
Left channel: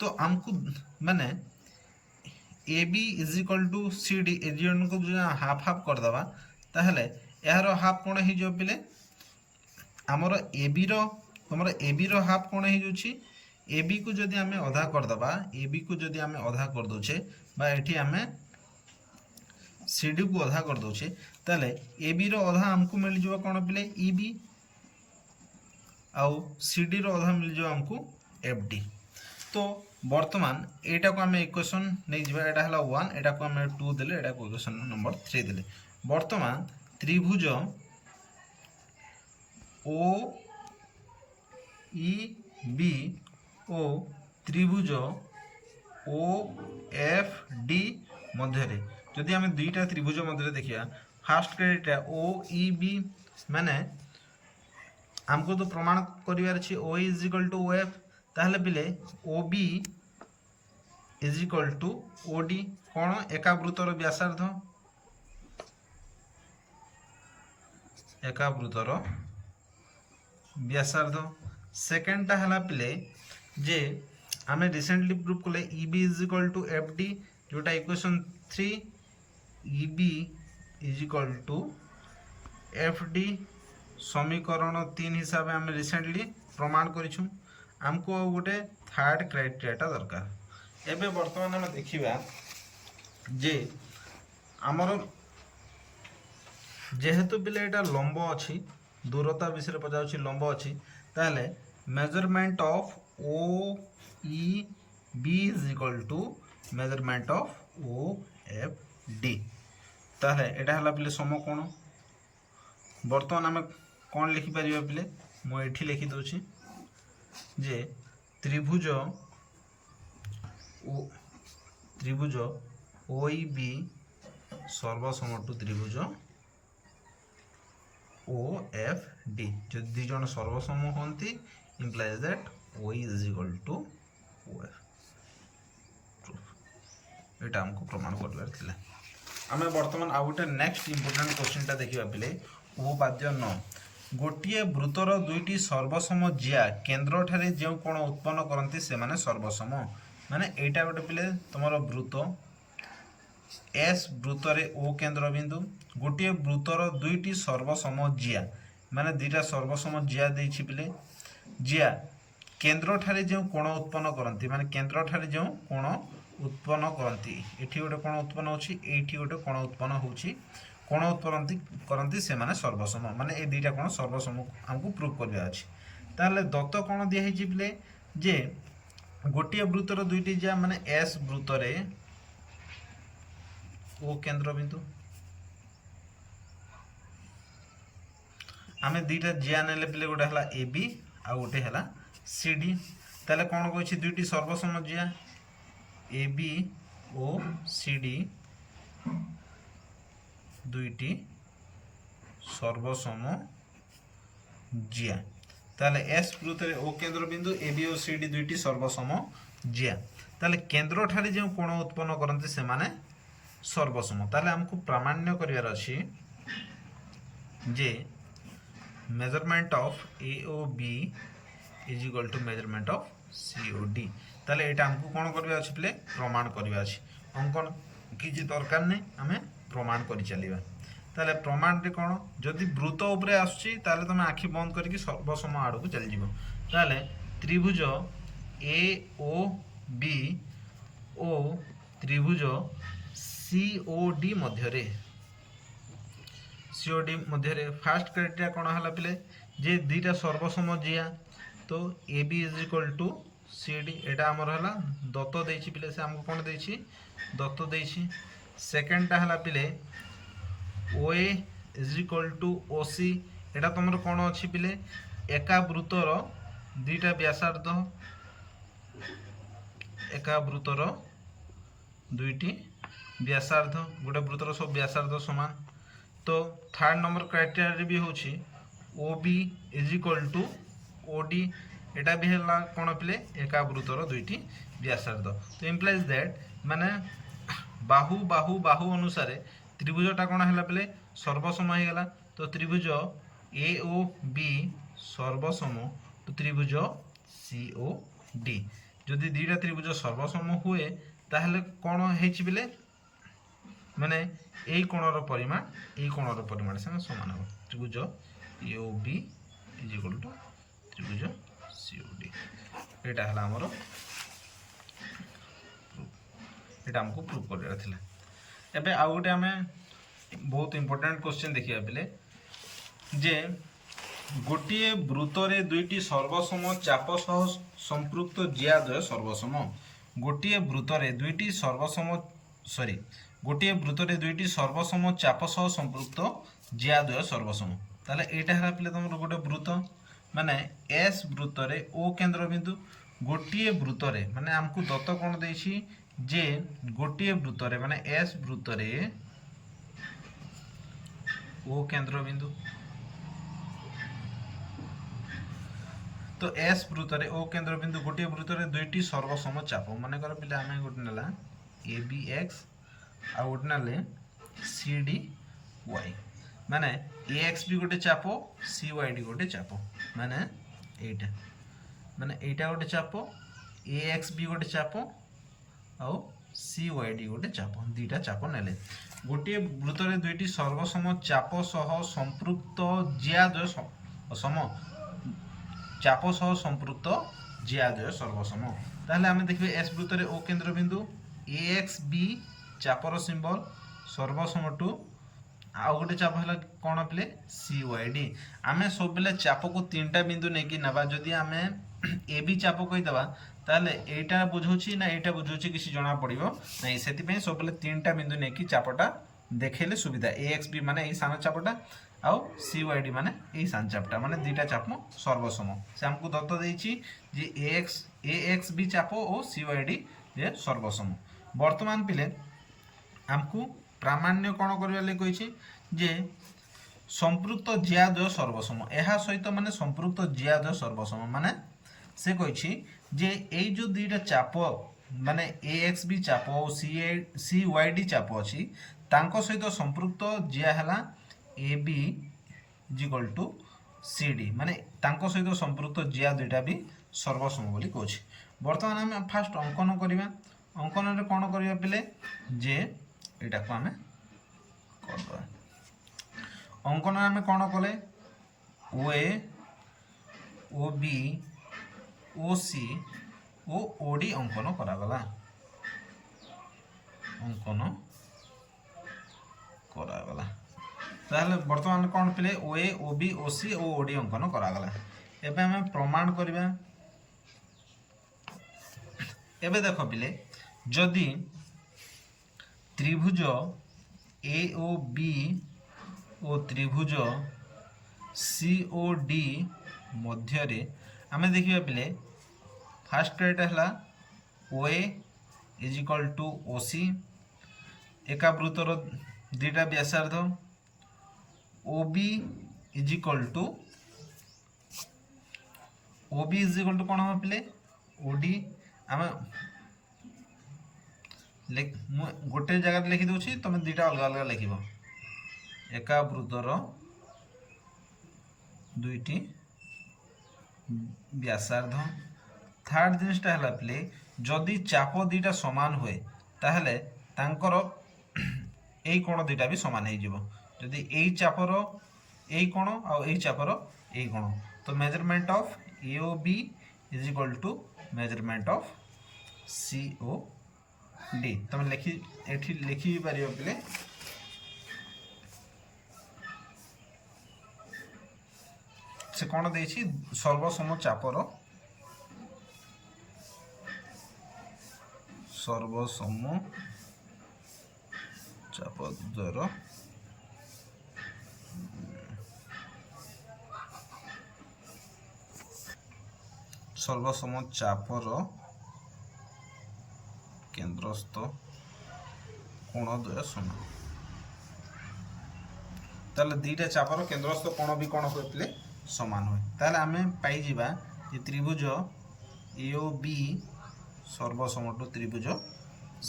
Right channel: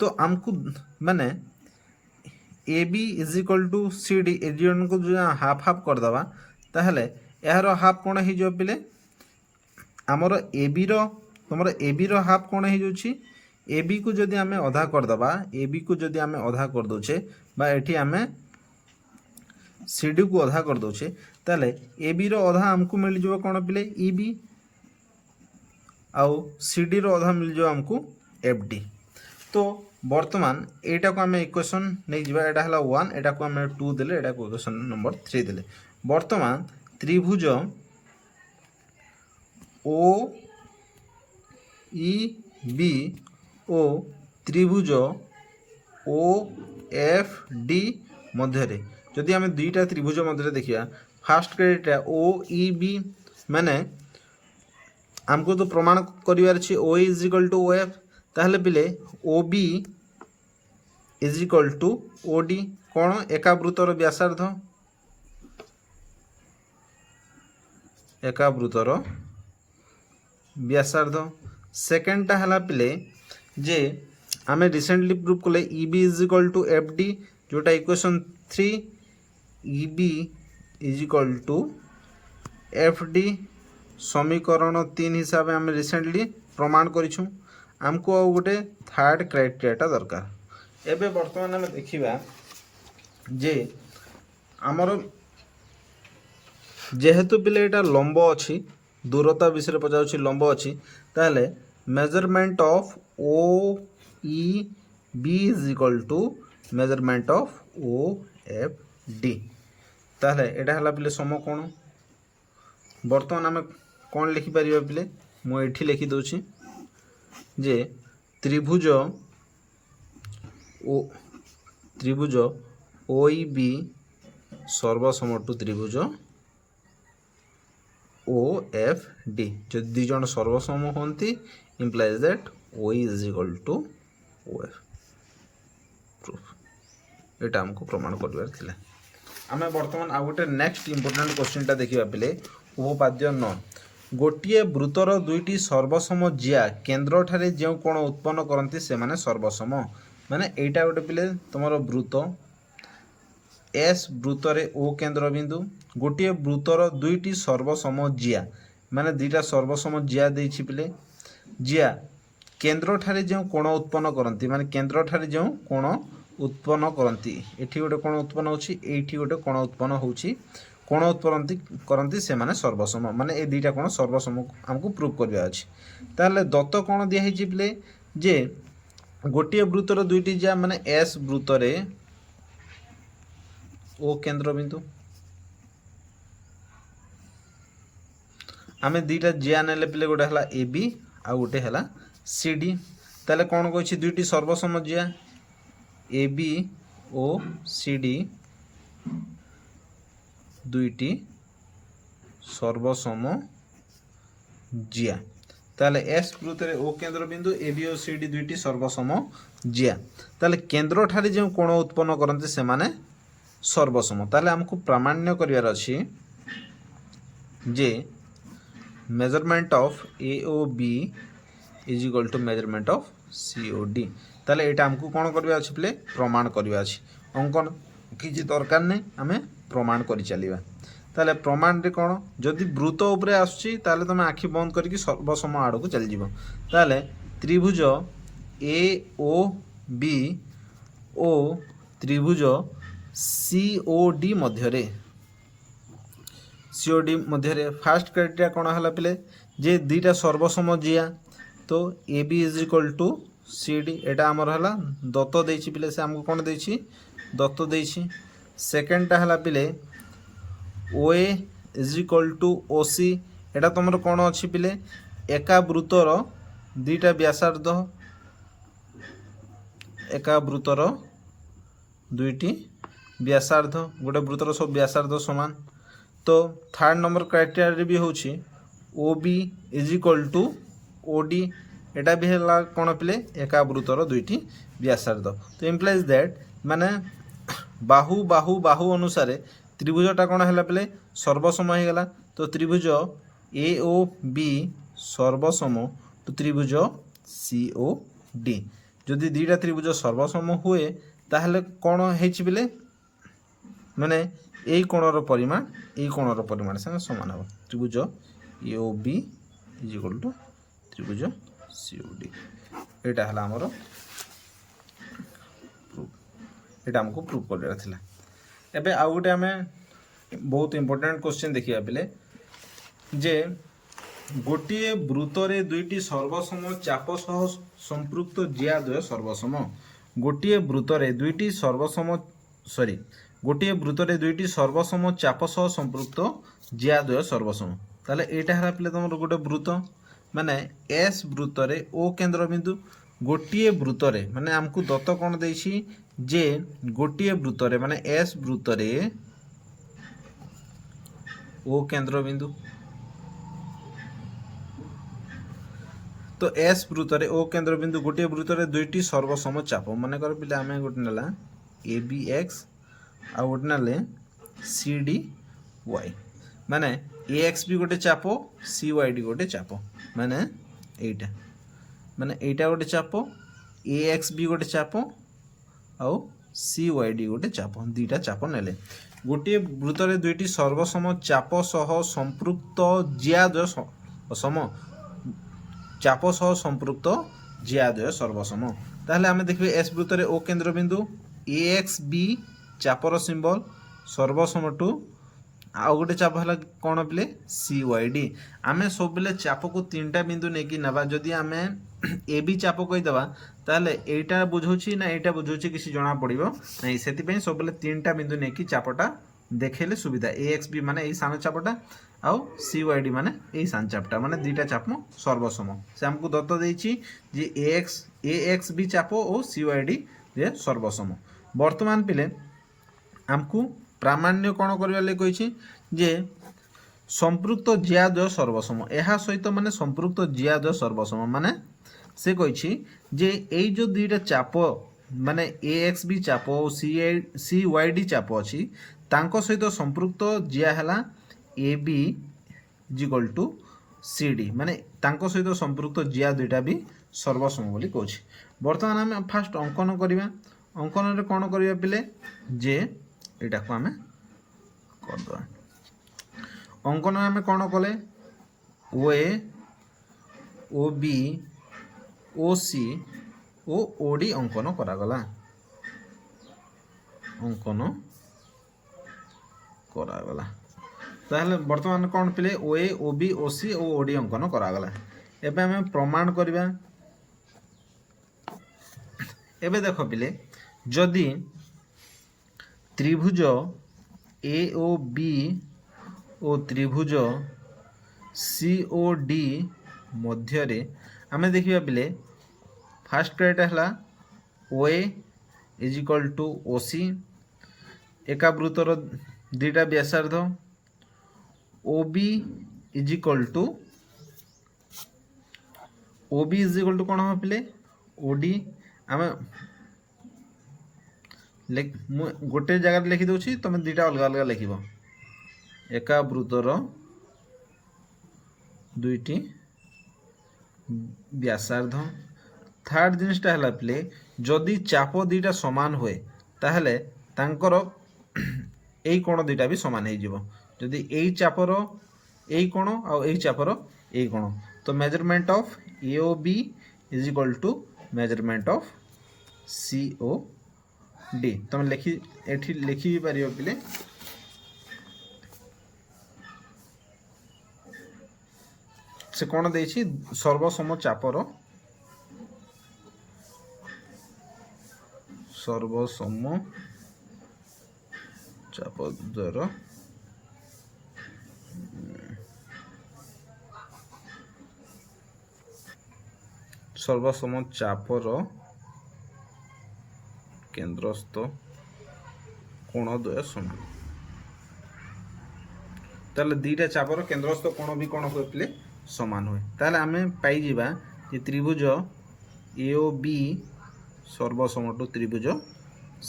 तो आमको माने A B is equal to C D ए को जो हाफ हाफ करदे ताहले यार हाफ कौन हो पिले आमर ए बी तुम ए बी हाफ कौन हो ए बी को जदि आम अधा करदे ए बी को जदि आम अधा करदे बा एठी आम सी डी को अधा करदे ताले ए बी अधा आमको मिल जाव कौन पिले ई बी आउ सी डी अधा मिल जाव आमको एफ डी तो वर्तमान एटा को आम इक्वेशन नहीं जावा एटा हला 1 एटा को आम 2 देले एटा को इक्वेशन नंबर 3 देले वर्तमान त्रिभुज ओ ई बी ओ त्रिभुज ओ एफ डी मध्य जदि आम दुईटा त्रिभुज मध्य देखिया फास्ट क्रेडिटा ओ ई बी माने आमको तो प्रमाण करिवार अछि O is equal to O F ताहले पिले O B is equal to O D कौन एकावृतर व्यासार्ध एकावृतर व्यासार्ध सेकेंडटा हला पिले जे आमे रिसेंटली प्रूव कले E B is equal to F D जोटा equation 3 E B is equal to F D समीकरण 3 हिसाब आम रिसेंटली प्रमाण करिछु आमको आ गोटे थर्ड क्राइटेरियाटा दरकार एबे वर्तमान आम देखिबा जे आमर जेहेतु पिले एटा लंब अछि दूरता विषय पचाउछि लंब अछि ताले measurement of O E B is equal to measurement of O F D ताले एटा हला पिले सम कोण वर्तमान आम कौन लिखि परिबा पिले मु एठी लिखि दोछि जे त्रिभुज ओ ई बी सर्वसम टू त्रिभुज ओ एफ डी जो दी जन सर्वसम होती implies that O is equal to O F proof एटा हमको प्रमाण करबार थिला आमे वर्तमान आ गोटे नेक्स्ट इंपोर्टेंट क्वेश्चनटा देखिबा पिले उपपाद्य 9 गोटिए वृत्तर दुईटी सर्वसम जिया केन्द्र ठारे जो कोण उत्पन्न करती से माने सर्वसम माने एटा गोटे पिले तुमर वृत्त एस वृत्तरे ओ केन्द्र बिंदु गोटिए वृत्तर दुईटी सर्वसम जिया माने दुईटा सर्वसम जिया देछि पिले जिया केन्द्र ठारे जो कोण उत्पन्न करती माने केन्द्र ठारे जो कोण उत्पन्न करती एठी गोटे कोण उत्पन्न होछि एठी गोटे कोण उत्पन्न होछि कोण उत्पन्न करती से माने सर्वसम माने ए दुईटा कोण सर्वसम हमको प्रूव करबा अछि ताले दत्त कोण दिया हिछि पिले जे गोटिए वृत्तर दुईटी जिया माने एस वृत्तरे ओ केन्द्र बिंदु आमे दुईटा जिया नेले पिले गोटे हला ए बी आ गोटे हला सी डी ताले कोन कहछि दुईटी सर्वसम जिया A B O C D दुईटी सर्वसम जिया ताले एस वृत्तरे ओ केन्द्र बिंदु A B O C D दुईटी सर्वसम जिया ताले केन्द्र ठारे जो कोण उत्पन्न करते से माने सर्वसम ताले हमको प्रामाण्य करिवार अछि जे measurement of A O B is equal to measurement of C O D ताले एटा हमको कोन करबा अछि प्ले प्रमाण करबा अछि अंकन किछि दरकार नै हमें प्रमाण करि चलिबा ताले प्रमाण रे कोन जदि वृत्त ऊपर आछी ताले तमे आखि बंद करके सर्वसम आड़ को चल जिवो ताले त्रिभुज ए ओ बी ओ त्रिभुज सी ओ डी मध्य सीओडी मध्य फास्ट क्राइटेरिया कौन है पिले जे दुईटा सर्वसम जिया तो A B is equal to C D एटा आमर है दत्त देछि पिले से आमको कौन देछि दत्त देछि सेकेंडटा है पिले ओ A is equal to O सी एटा तुमर कौन अच्छी पिले एका वृत्तर दुईटा व्यासार्ध एका वृत्तर दुईटी व्यासार्ध गोटे वृत्तर सब व्यासार्ध समान तो थर्ड नंबर क्राइटेरिया भी होछि O B is equal to O D एटा भी है कौन पिले एका वृत्तर दुईटी व्यासार्ध तो इम्प्लाइज दैट माने बाहु बाहु बाहु अनुसार त्रिभुजटा कौन है पिले सर्वसम हो गला तो त्रिभुज ए ओ बी सर्वसम तो त्रिभुज सी ओ डी जदि दुईटा त्रिभुज सर्वसम हुए ताहले कौन है पिले माने यही कोणर परिमाण यही कोणर परिमाण संगे समान हो त्रिभुज A O B is equal to त्रिभुज सी ओ डी एटा हला हमर एटा हमको प्रूव करला थिला एबे आ गोटे हमें बहुत इंपोर्टेंट क्वेश्चन देखिया पिले जे गोटिए वृत्तरे दुईटी सर्वसम चाप सह संपृक्त ज्याद्वय सर्वसम गोटिए वृत्तरे दुईटी सर्वसम सॉरी गोटे वृत्तरे दुईटी सर्वसम चाप सह संपृक्त ज्याद्वय सर्वसम ताले एटा हला पिले तुम गोटे वृत्त माने एस वृत्तरे ओ केंद्र बिंदु गोटे वृत्तरे माने हमको दत्त कोण देछि जे गोटे वृत्तरे माने एस वृत्तरे ओ केंद्र बिंदु तो एस वृत्तरे ओ केंद्र बिंदु गोटे वृत्तरे दुईटी सर्वसम चाप माने कर पिले आमे गोटे नला ए बी एक्स आ गोटे ना सी डी वाई माने ए एक्स भी गोटे चाप सी वाई डी गोटे चाप माने एटा गोटे चाप ए एक्स भी गोटे चाप आउ सी वाई डी गोटे चाप दुईटा चाप नेले गोटे वृत्तरे दुईटी सर्वसम चाप सह संपृक्त ज्याद्वय सम चाप सह संपृक्त ज्याद्वय सर्वसम ताहले आमे देखबे एस वृत्तरे ओ केंद्र बिंदु ए एक्स बी चापर सिंबल सर्वसम टू आ गोटे चाप है कौन पिले सी वाई डी आम सब बेले चाप को तीनटा बिंदु नहीं कि नवा जदि आम ए बी चाप कहीदेवा ताले एटा बुझौछि ना एटा बुझौछि किसी जना पड़िबो नहीं सेति सब बेले तीनटा बिंदु नहीं कि चापटा देखेले सुविधा ए एक्स बी माने ए सान चापटा आउ सी वाई डी माने ए सान चापटा माने दुईटा चाप सर्वसम से हमको दत्त देछि जे ए एक्स बी चाप और सी वाई डी जे सर्वसम वर्तमान पिले हमको प्रामाण्य कौन करने कही जे संपृक्त ज्याद्वय सर्वसम यह सहित माने संपृक्त ज्याद्वय सर्वसम माने से कही जे एई जो दुईटा चाप माने ए एक्स बी चाप और सी वाई डी चाप अच्छी तांको सहित संपृक्त ज्या है A B equal to C D माने तांको सहित संपृक्त ज्या दुईटा भी सर्वसम बोली कहछि वर्तमान आम फास्ट अंकन करवा अंकन रे कौन करवा पिले जे एटा को आमे करदवा अंकन आमे कौन कले ओ ए ओ बी ओ सी ओ ओ डी अंकन करागला अंकन करागला ताहले वर्तमान कौन पिले ओ ए ओ बी ओ सी ओ डी अंकन करागला एबे आमे प्रमाण करबा एबे देखो पिले जदि त्रिभुज ए ओ बी और त्रिभुज सी ओ डी मध्य आमे देखिबा पिले फास्ट क्राइटेरिया है O A is equal to O C एका वृत्तर दुईटा व्यासार्ध O B is equal to कौन हम पिले ओ डी आमे गोटे जगह लिखि दूची तुम दुईटा अलग अलग लिख एका वृत्तर दुईटी व्यासार्ध थर्ड जिनिसटा है पिले जदि चाप दुईटा समान हुए ताहले तांकर एई कोण दुईटा भी समान हो जिवो जदि एई चापर एई कोण आ एई चापर एई कोण तो measurement of A O B is equal to measurement of C O D तुम लिखि पार पिले से कौन देछि सर्वसम चापर चाप द्वारा सर्वसम चापर केंद्रस्थ कोणद्वय समान ताले दीटा चापर केंद्रस्थ कोण भी कोण होते समान हुए ताले आमे पाई जिबा कि त्रिभुज AOB सर्वसम टू त्रिभुज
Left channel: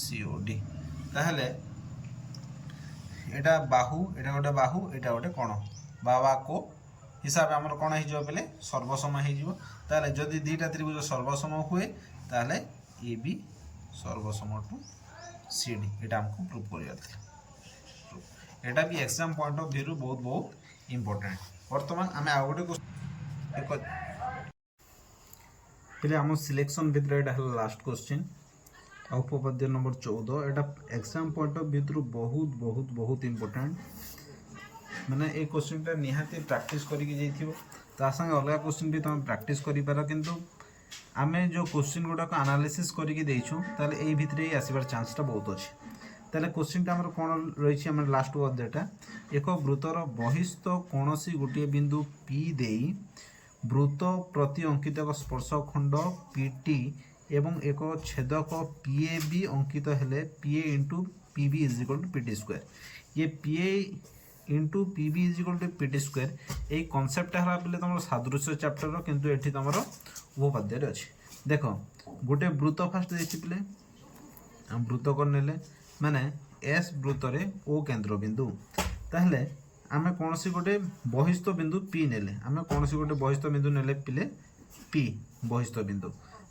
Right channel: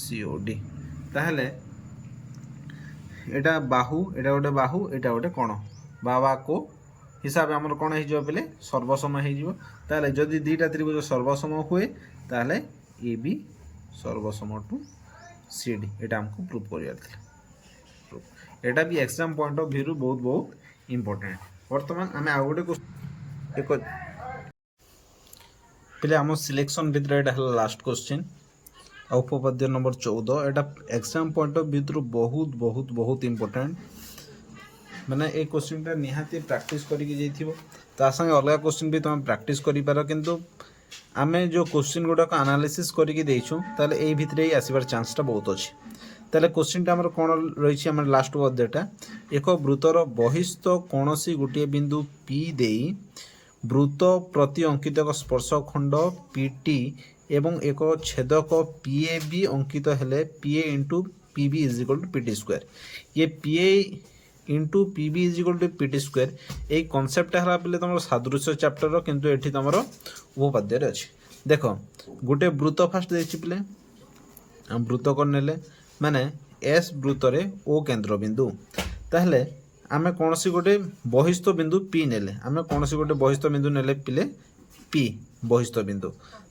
COD ताहले एटा बाहु एटा गोटे बाहु एटा गोटे कोण बाबा को हिसाब आमर कोण हे जो पले सर्वसम हे जो ताले जदि दीटा त्रिभुज सर्वसम हुए ताले AB सर्वसम टू CD एटा हमको प्रूव करियार थिला एटा भी एग्जाम पॉइंट ऑफ व्यू बहुत बहुत इंपोर्टेंट वर्तमान आमे आ गोटे एक पहले आम सिलेक्शन भितर एटा हला last question उपपाद्य number 14 Etah exam point of view बहुत बहुत बहुत इंपोर्टेंट माने ए क्वेश्चन टा निहाती प्रैक्टिस करिके जाइथिबो ता संगे अलग क्वेश्चन भी तुम प्रैक्टिस करि पारो किंतु आमे जो क्वेश्चन गुडा को एनालिसिस करिके देइछु ताले एई भितरे ही आसीबार चांस टा बहुत अछि ताले क्वेश्चन टा हमर कोन रहिछि हमर लास्ट पद्यटा एक वृत्तर बहिस्थ कोनोसी गुटिए बिंदु P देई वृत्त प्रति अंकित एक स्पर्श खंड PT एवं एक छेदक PAB अंकित हेले PA into PB is equal to PT square ये PA into PB is equal to PT square ए कॉन्सेप्ट हला पले तमरो सादृश्य चैप्टर रो किंतु एठी तमरो उपपाद्य रे अछि देखो गुटे वृत्त फास्ट देछि पले हम वृत्त कर नेले माने S वृत्त रे O केंद्र बिंदु ताहले आमे कोनसी गोटे बहिस्थ बिंदु P नेले आमे कोनसी गोटे बहिस्थ बिंदु नेले पिले P बहिस्थ बिंदु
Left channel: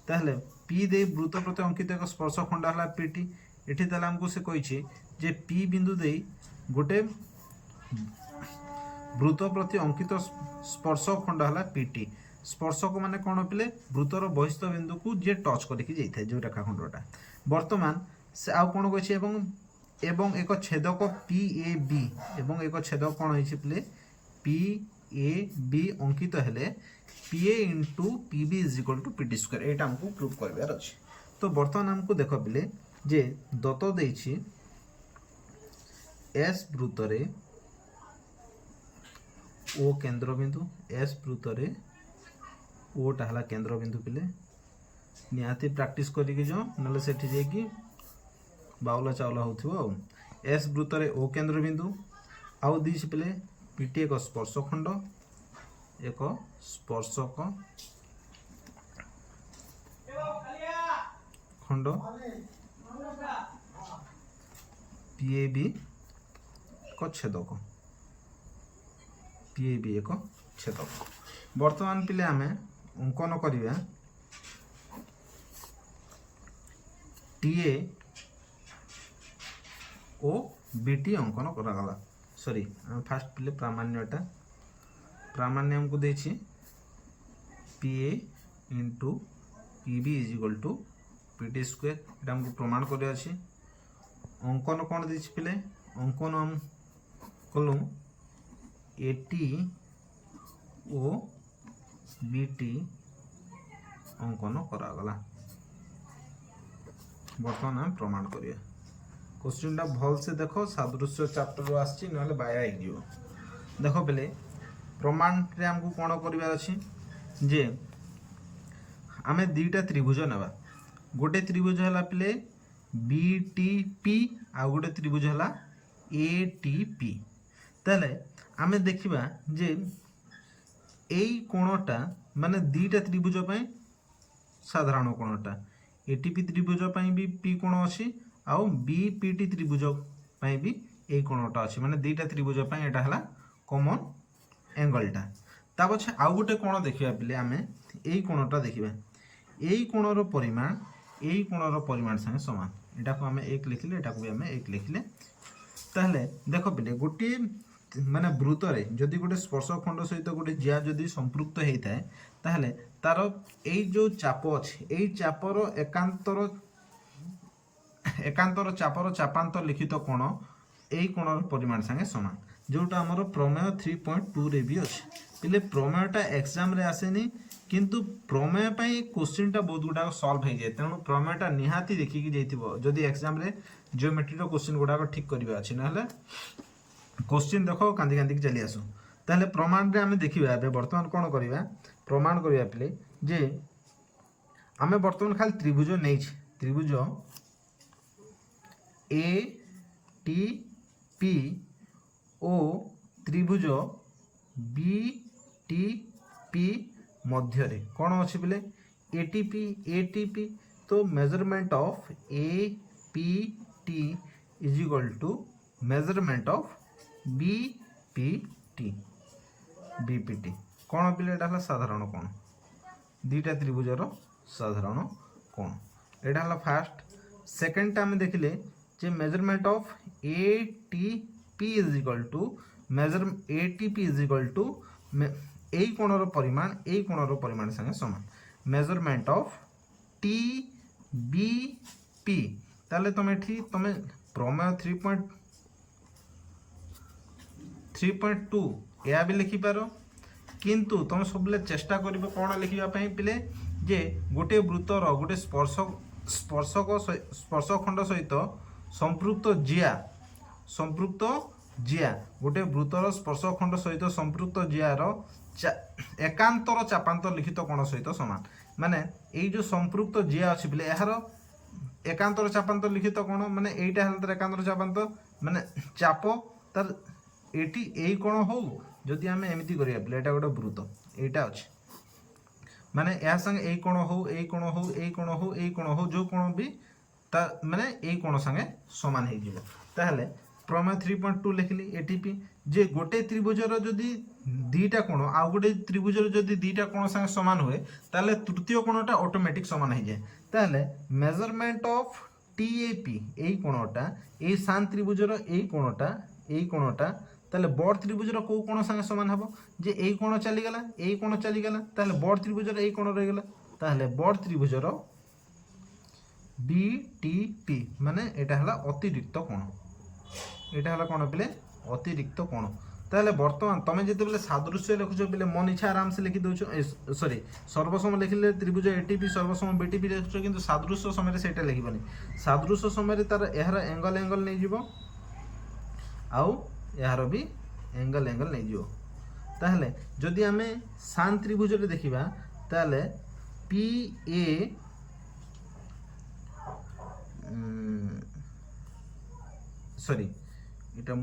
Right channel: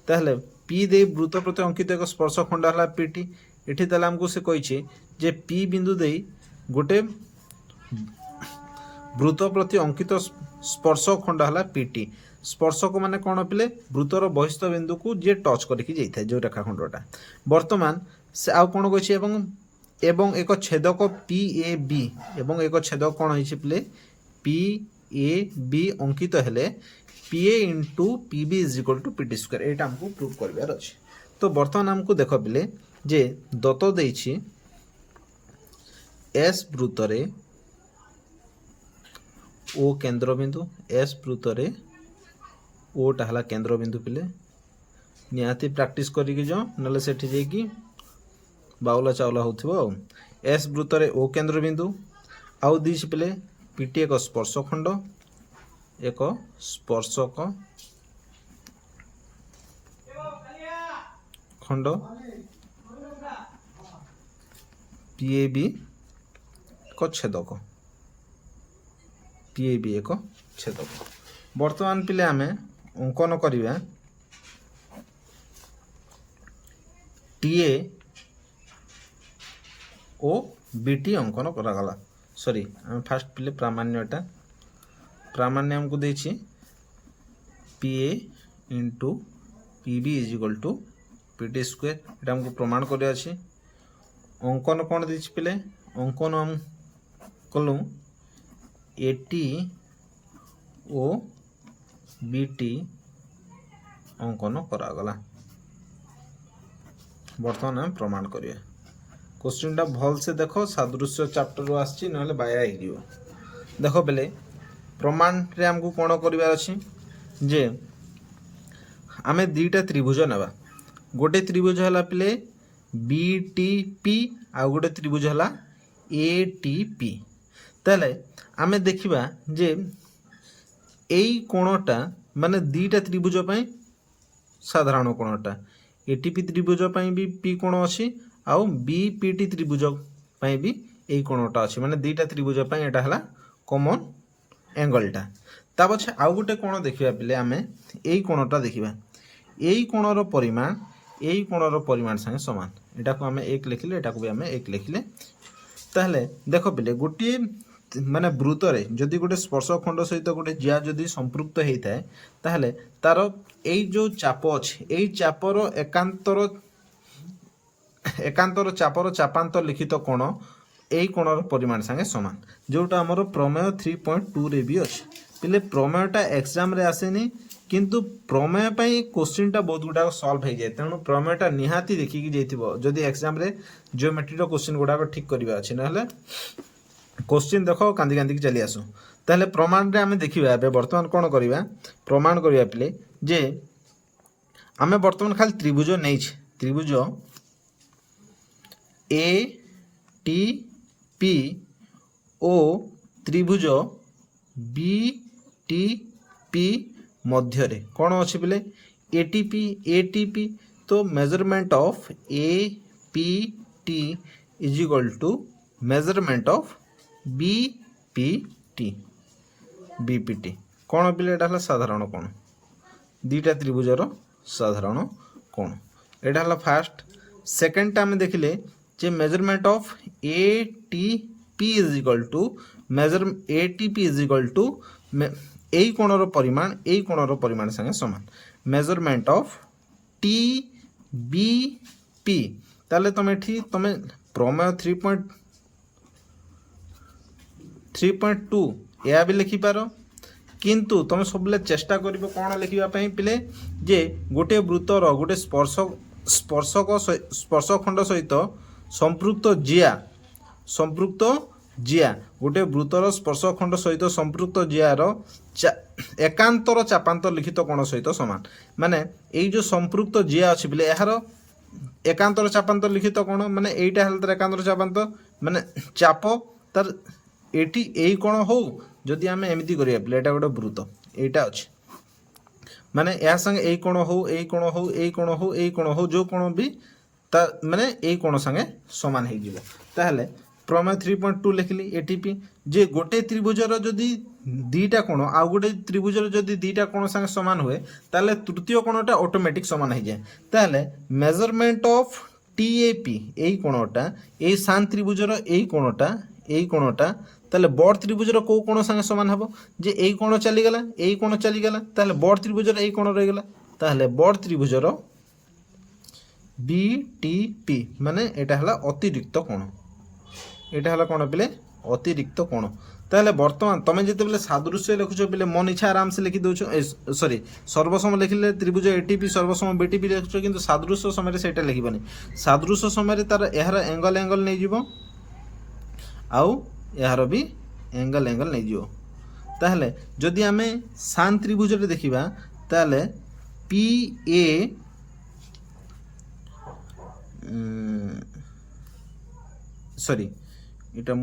ताहले P दे वृत्त प्रति अंकित एक स्पर्श खंड हला PT एठी ताले हमको से कहिछि जे P बिंदु दे गोटे वृत्त प्रति अंकित स्पर्श खंड हला PT स्पर्शक माने कोन पिले वृत्तर बहिस्थ बिंदु को जे टच करिकि जाइथाय जो रेखाखंडटा वर्तमान से आउ कोन कहिछि एवं एक छेदक PAB एवं एक छेदक कोन होइछि पिले PAB अंकित हेले PA into PB is equal to PT square एटा हमको प्रूव करबार अछि तो वर्तमान हमको देखो पिले जे दत्त देइछि S वृत्त रे O केंद्र बिंदु S वृत्त रे O टा हला केंद्र बिंदु पिले निहाती प्रैक्टिस करिकि जो नले सेठी जेकी बाउला चावला होथिबो S वृत्त रे O केंद्र बिंदु आउ दिस पिले PT एक स्पर्श खंड PAB को छेदक PAB एक छेदक वर्तमान पिले आमे अंकन करिबा TA ओ BT अंकन करा गला सॉरी हम फास्ट पिले प्रामाण्यटा प्रामाण्य हमको देछि PA into PB is equal to PT square एटा हमको प्रमाण करे अछि अंकन कोन देछि पिले अंकन हम कलु AT ओ BT अंकन करा गला वर्तमान हम प्रमाण करिए क्वेश्चन टा भल से देखो सादृश्य चैप्टर आछि नहले बाया हे दियो देखो बेले प्रमाण रे हमको कोन करबार अछि जे आमे दीटा त्रिभुज नेबा गोटे त्रिभुज हला पिले BTP आ गोटे त्रिभुज हला ATP ताले आमे देखिबा जे एई कोणटा माने दीटा त्रिभुज पई साधारण कोणटा ATP त्रिभुज पई भी P कोण अछि आ BPT त्रिभुज पई भी एई कोणटा अछि माने दीटा त्रिभुज पई एटा हला कॉमन एंगलटा ता पछे आ गोटे कोण देखिबा पिले आमे एई कोणटा देखिबा एई कोणर परिमाण संगे समान एटा को आमे 1 लिखिले एटा को भी आमे 1 लिखिले ताहले देखो पिले गोटी माने वृत्त रे जदि गोटे स्पर्श खंड सहित गोटे जिया जदि संपृक्त हेइताय ताहले तार एई जो चाप अछि एई चापर एकांतर चापर चापांतर लिखित कोण एई कोणर परिमाण संगे समान जोटा हमर प्रमेय 3.2 रे भी अछि पिले प्रमेयटा एग्जाम रे आसेनी किंतु प्रमेय पई क्वेश्चनटा बहुत गुडा सॉल्व हो जाए तेणु प्रमेयटा निहाती देखिकी जाइथिबो जदि एग्जाम रे जियोमेट्री रो क्वेश्चन गुडा ठीक करबा अछि नहले क्वेश्चन देखो कांदी कांदी चली आसो ताहले प्रमाण रे आमे देखिबा बे वर्तमान कोन करबा प्रमाण करबा पिले जे आमे वर्तमान खाली त्रिभुज नै छी त्रिभुज ए टी पी ओ त्रिभुज बी टी पी मध्य रे कौन अच्छे बोले एटीपी तो measurement of A P T is equal to measurement of B P T कौन बोले एटा साधारण कोण दीटा त्रिभुजर साधारण कोण एटा हला फास्ट सेकेंड आम देखिले जे measurement of A T P is equal to measure A T P is equal to এই কোণর পরিমাণ এই কোণর পরিমাণ সঙ্গে সমান measurement of T B P তাহলে তুমি এটি তুমি প্রমেয় 3.2 এয়া বি লিখি পারো কিন্তু তুমি সবলে চেষ্টা করিবে কোণ লিখিবা পই পিলে যে গোটে বৃত্তর গোটে স্পর্শখণ্ড সহিত সম্পৃক্ত জিয়া गोटे वृत्तर स्पर्शखंड सहित संपृक्त जियार एकांतर चापांतर लिखित कोण सहित समान माने एई जो संपृक्त जिया अछि बिले एहार एकांतर चापांतर लिखित कोण माने एईटा हल तर एकांतर चापांतर माने चाप तर एटी एई कोण हो जदि आमे एमिति करिया बिले एटा गोटे वृत्त एईटा अछि माने एहा संगे एई कोण हो एई कोण हो एई कोण हो एई कोण हो जो कोण भी ता माने एई कोण संगे समान हे जिवो ताहले प्रमेय 3.2 लिखली एटीपी जे गोटे त्रिभुजर जदि दीटा कोण आ गोटे त्रिभुजर जदि दीटा कोण संगे समान हुए ताले तृतीय कोणटा ऑटोमेटिक समान हो जाए ताले मेजरमेंट ऑफ टीएपी एई कोणटा एई शांत त्रिभुजर एई कोणटा ताले बड़ त्रिभुजर को कोण संगे समान हबो जे एई कोण चली गेला ताले बड़ त्रिभुजर एई कोण रहि गेला ताले बड़ त्रिभुजर बीटीपी माने एटा हला अतिरिक्त कोण एटा हला कोण पिले अतिरिक्त कोण ताहले वर्तमान तमे जते बेले सादृश्य लिखुछ पिले मन इच्छा आराम से लिखि दोछ सॉरी सर्वसम लिखिले त्रिभुज एटीपी सर्वसम बीटीपी लिखुछ किंतु सादृश्य समय रे सेटा लिखिबनी सादृश्य समय रे तार एहर एंगल नै जिवो आउ एहर भी एंगल नै जिवो ताहले जदि आमे शांत त्रिभुज रे देखिबा ताहले पी ए सॉरी एटा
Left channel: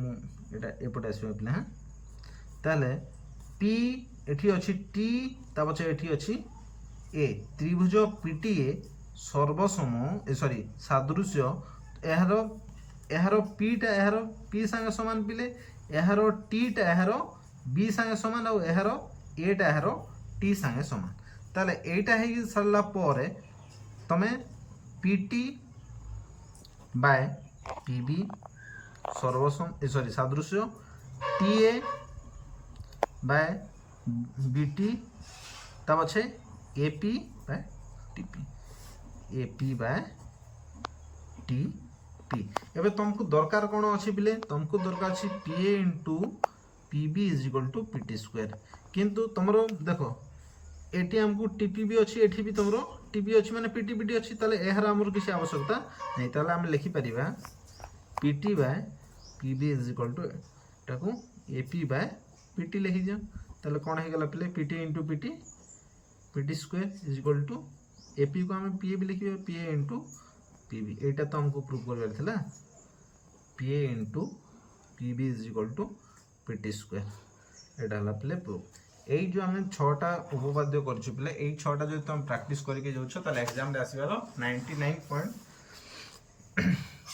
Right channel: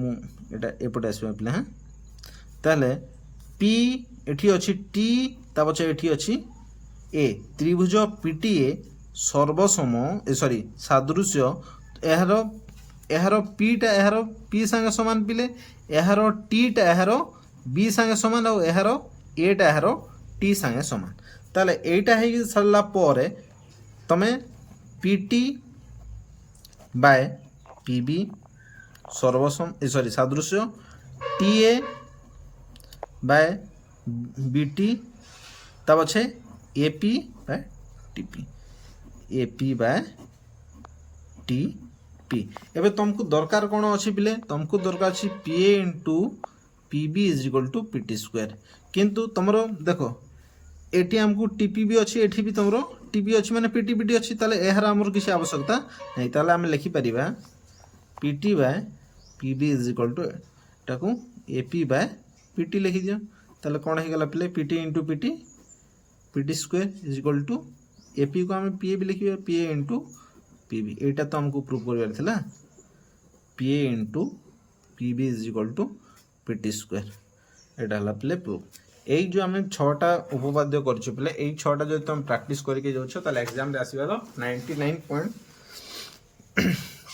एपटे आसबा पिला हाँ ताले पी एठी अछि टी ता पछे एठी अछि ए त्रिभुज पीटीए सर्वसम सॉरी सादृश्य एहारो पीटा एहारो पी संगे समान पिले एहारो टीटा एहारो बी संगे समान और एहारो एटा एहारो टी संगे समान ताले एटा हे सरला परे तमे पीटी बाय पीबी सर्वसम सॉरी सादृश्य टीए बाय बीटी ता पछे एपी बाय बाय टीपी एबे तुमको दरकार कोन अछि बिले तुमको दरकार अछि PA into PB is equal to PT square किंतु तुमरो देखो एटी हमको टीपी भी अछि एठी भी तुमरो टीपी अछि माने पीटी पीटी अछि ताले एहरा हमर किसी आवश्यकता नै ताले हम लिखि परिबा PT by PB is equal to टाकू एपी बाय पीटी लिखि दियो ताले कोन हे गला प्ले PT into PT square is equal to AP को हम पीए भी लिखिबा पीए इनटू पीबी एटा तो हमको प्रूव करबार थिला PA into PB is equal to PT square एटा हला प्ले प्रूफ एई जो हम 6टा उपपाद्य करछु प्ले एई 6टा जो तुम प्रैक्टिस करके जाउछो ताले एग्जाम रे आसीबार 99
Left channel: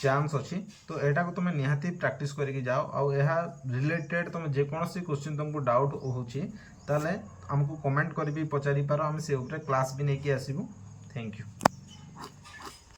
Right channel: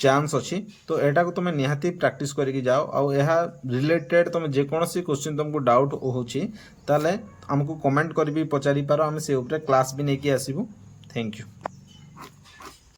चांस अच्छी तो एटा को तुम निहाती प्रैक्टिस करके जाओ आउ यह रिलेटेड तुम जेकोसी क्वेश्चन तुमको डाउट होची ताले हमको कमेंट कर भी पचारि पारो हम से ऊपर क्लास भी नहीं कि आसीबू थैंक यू।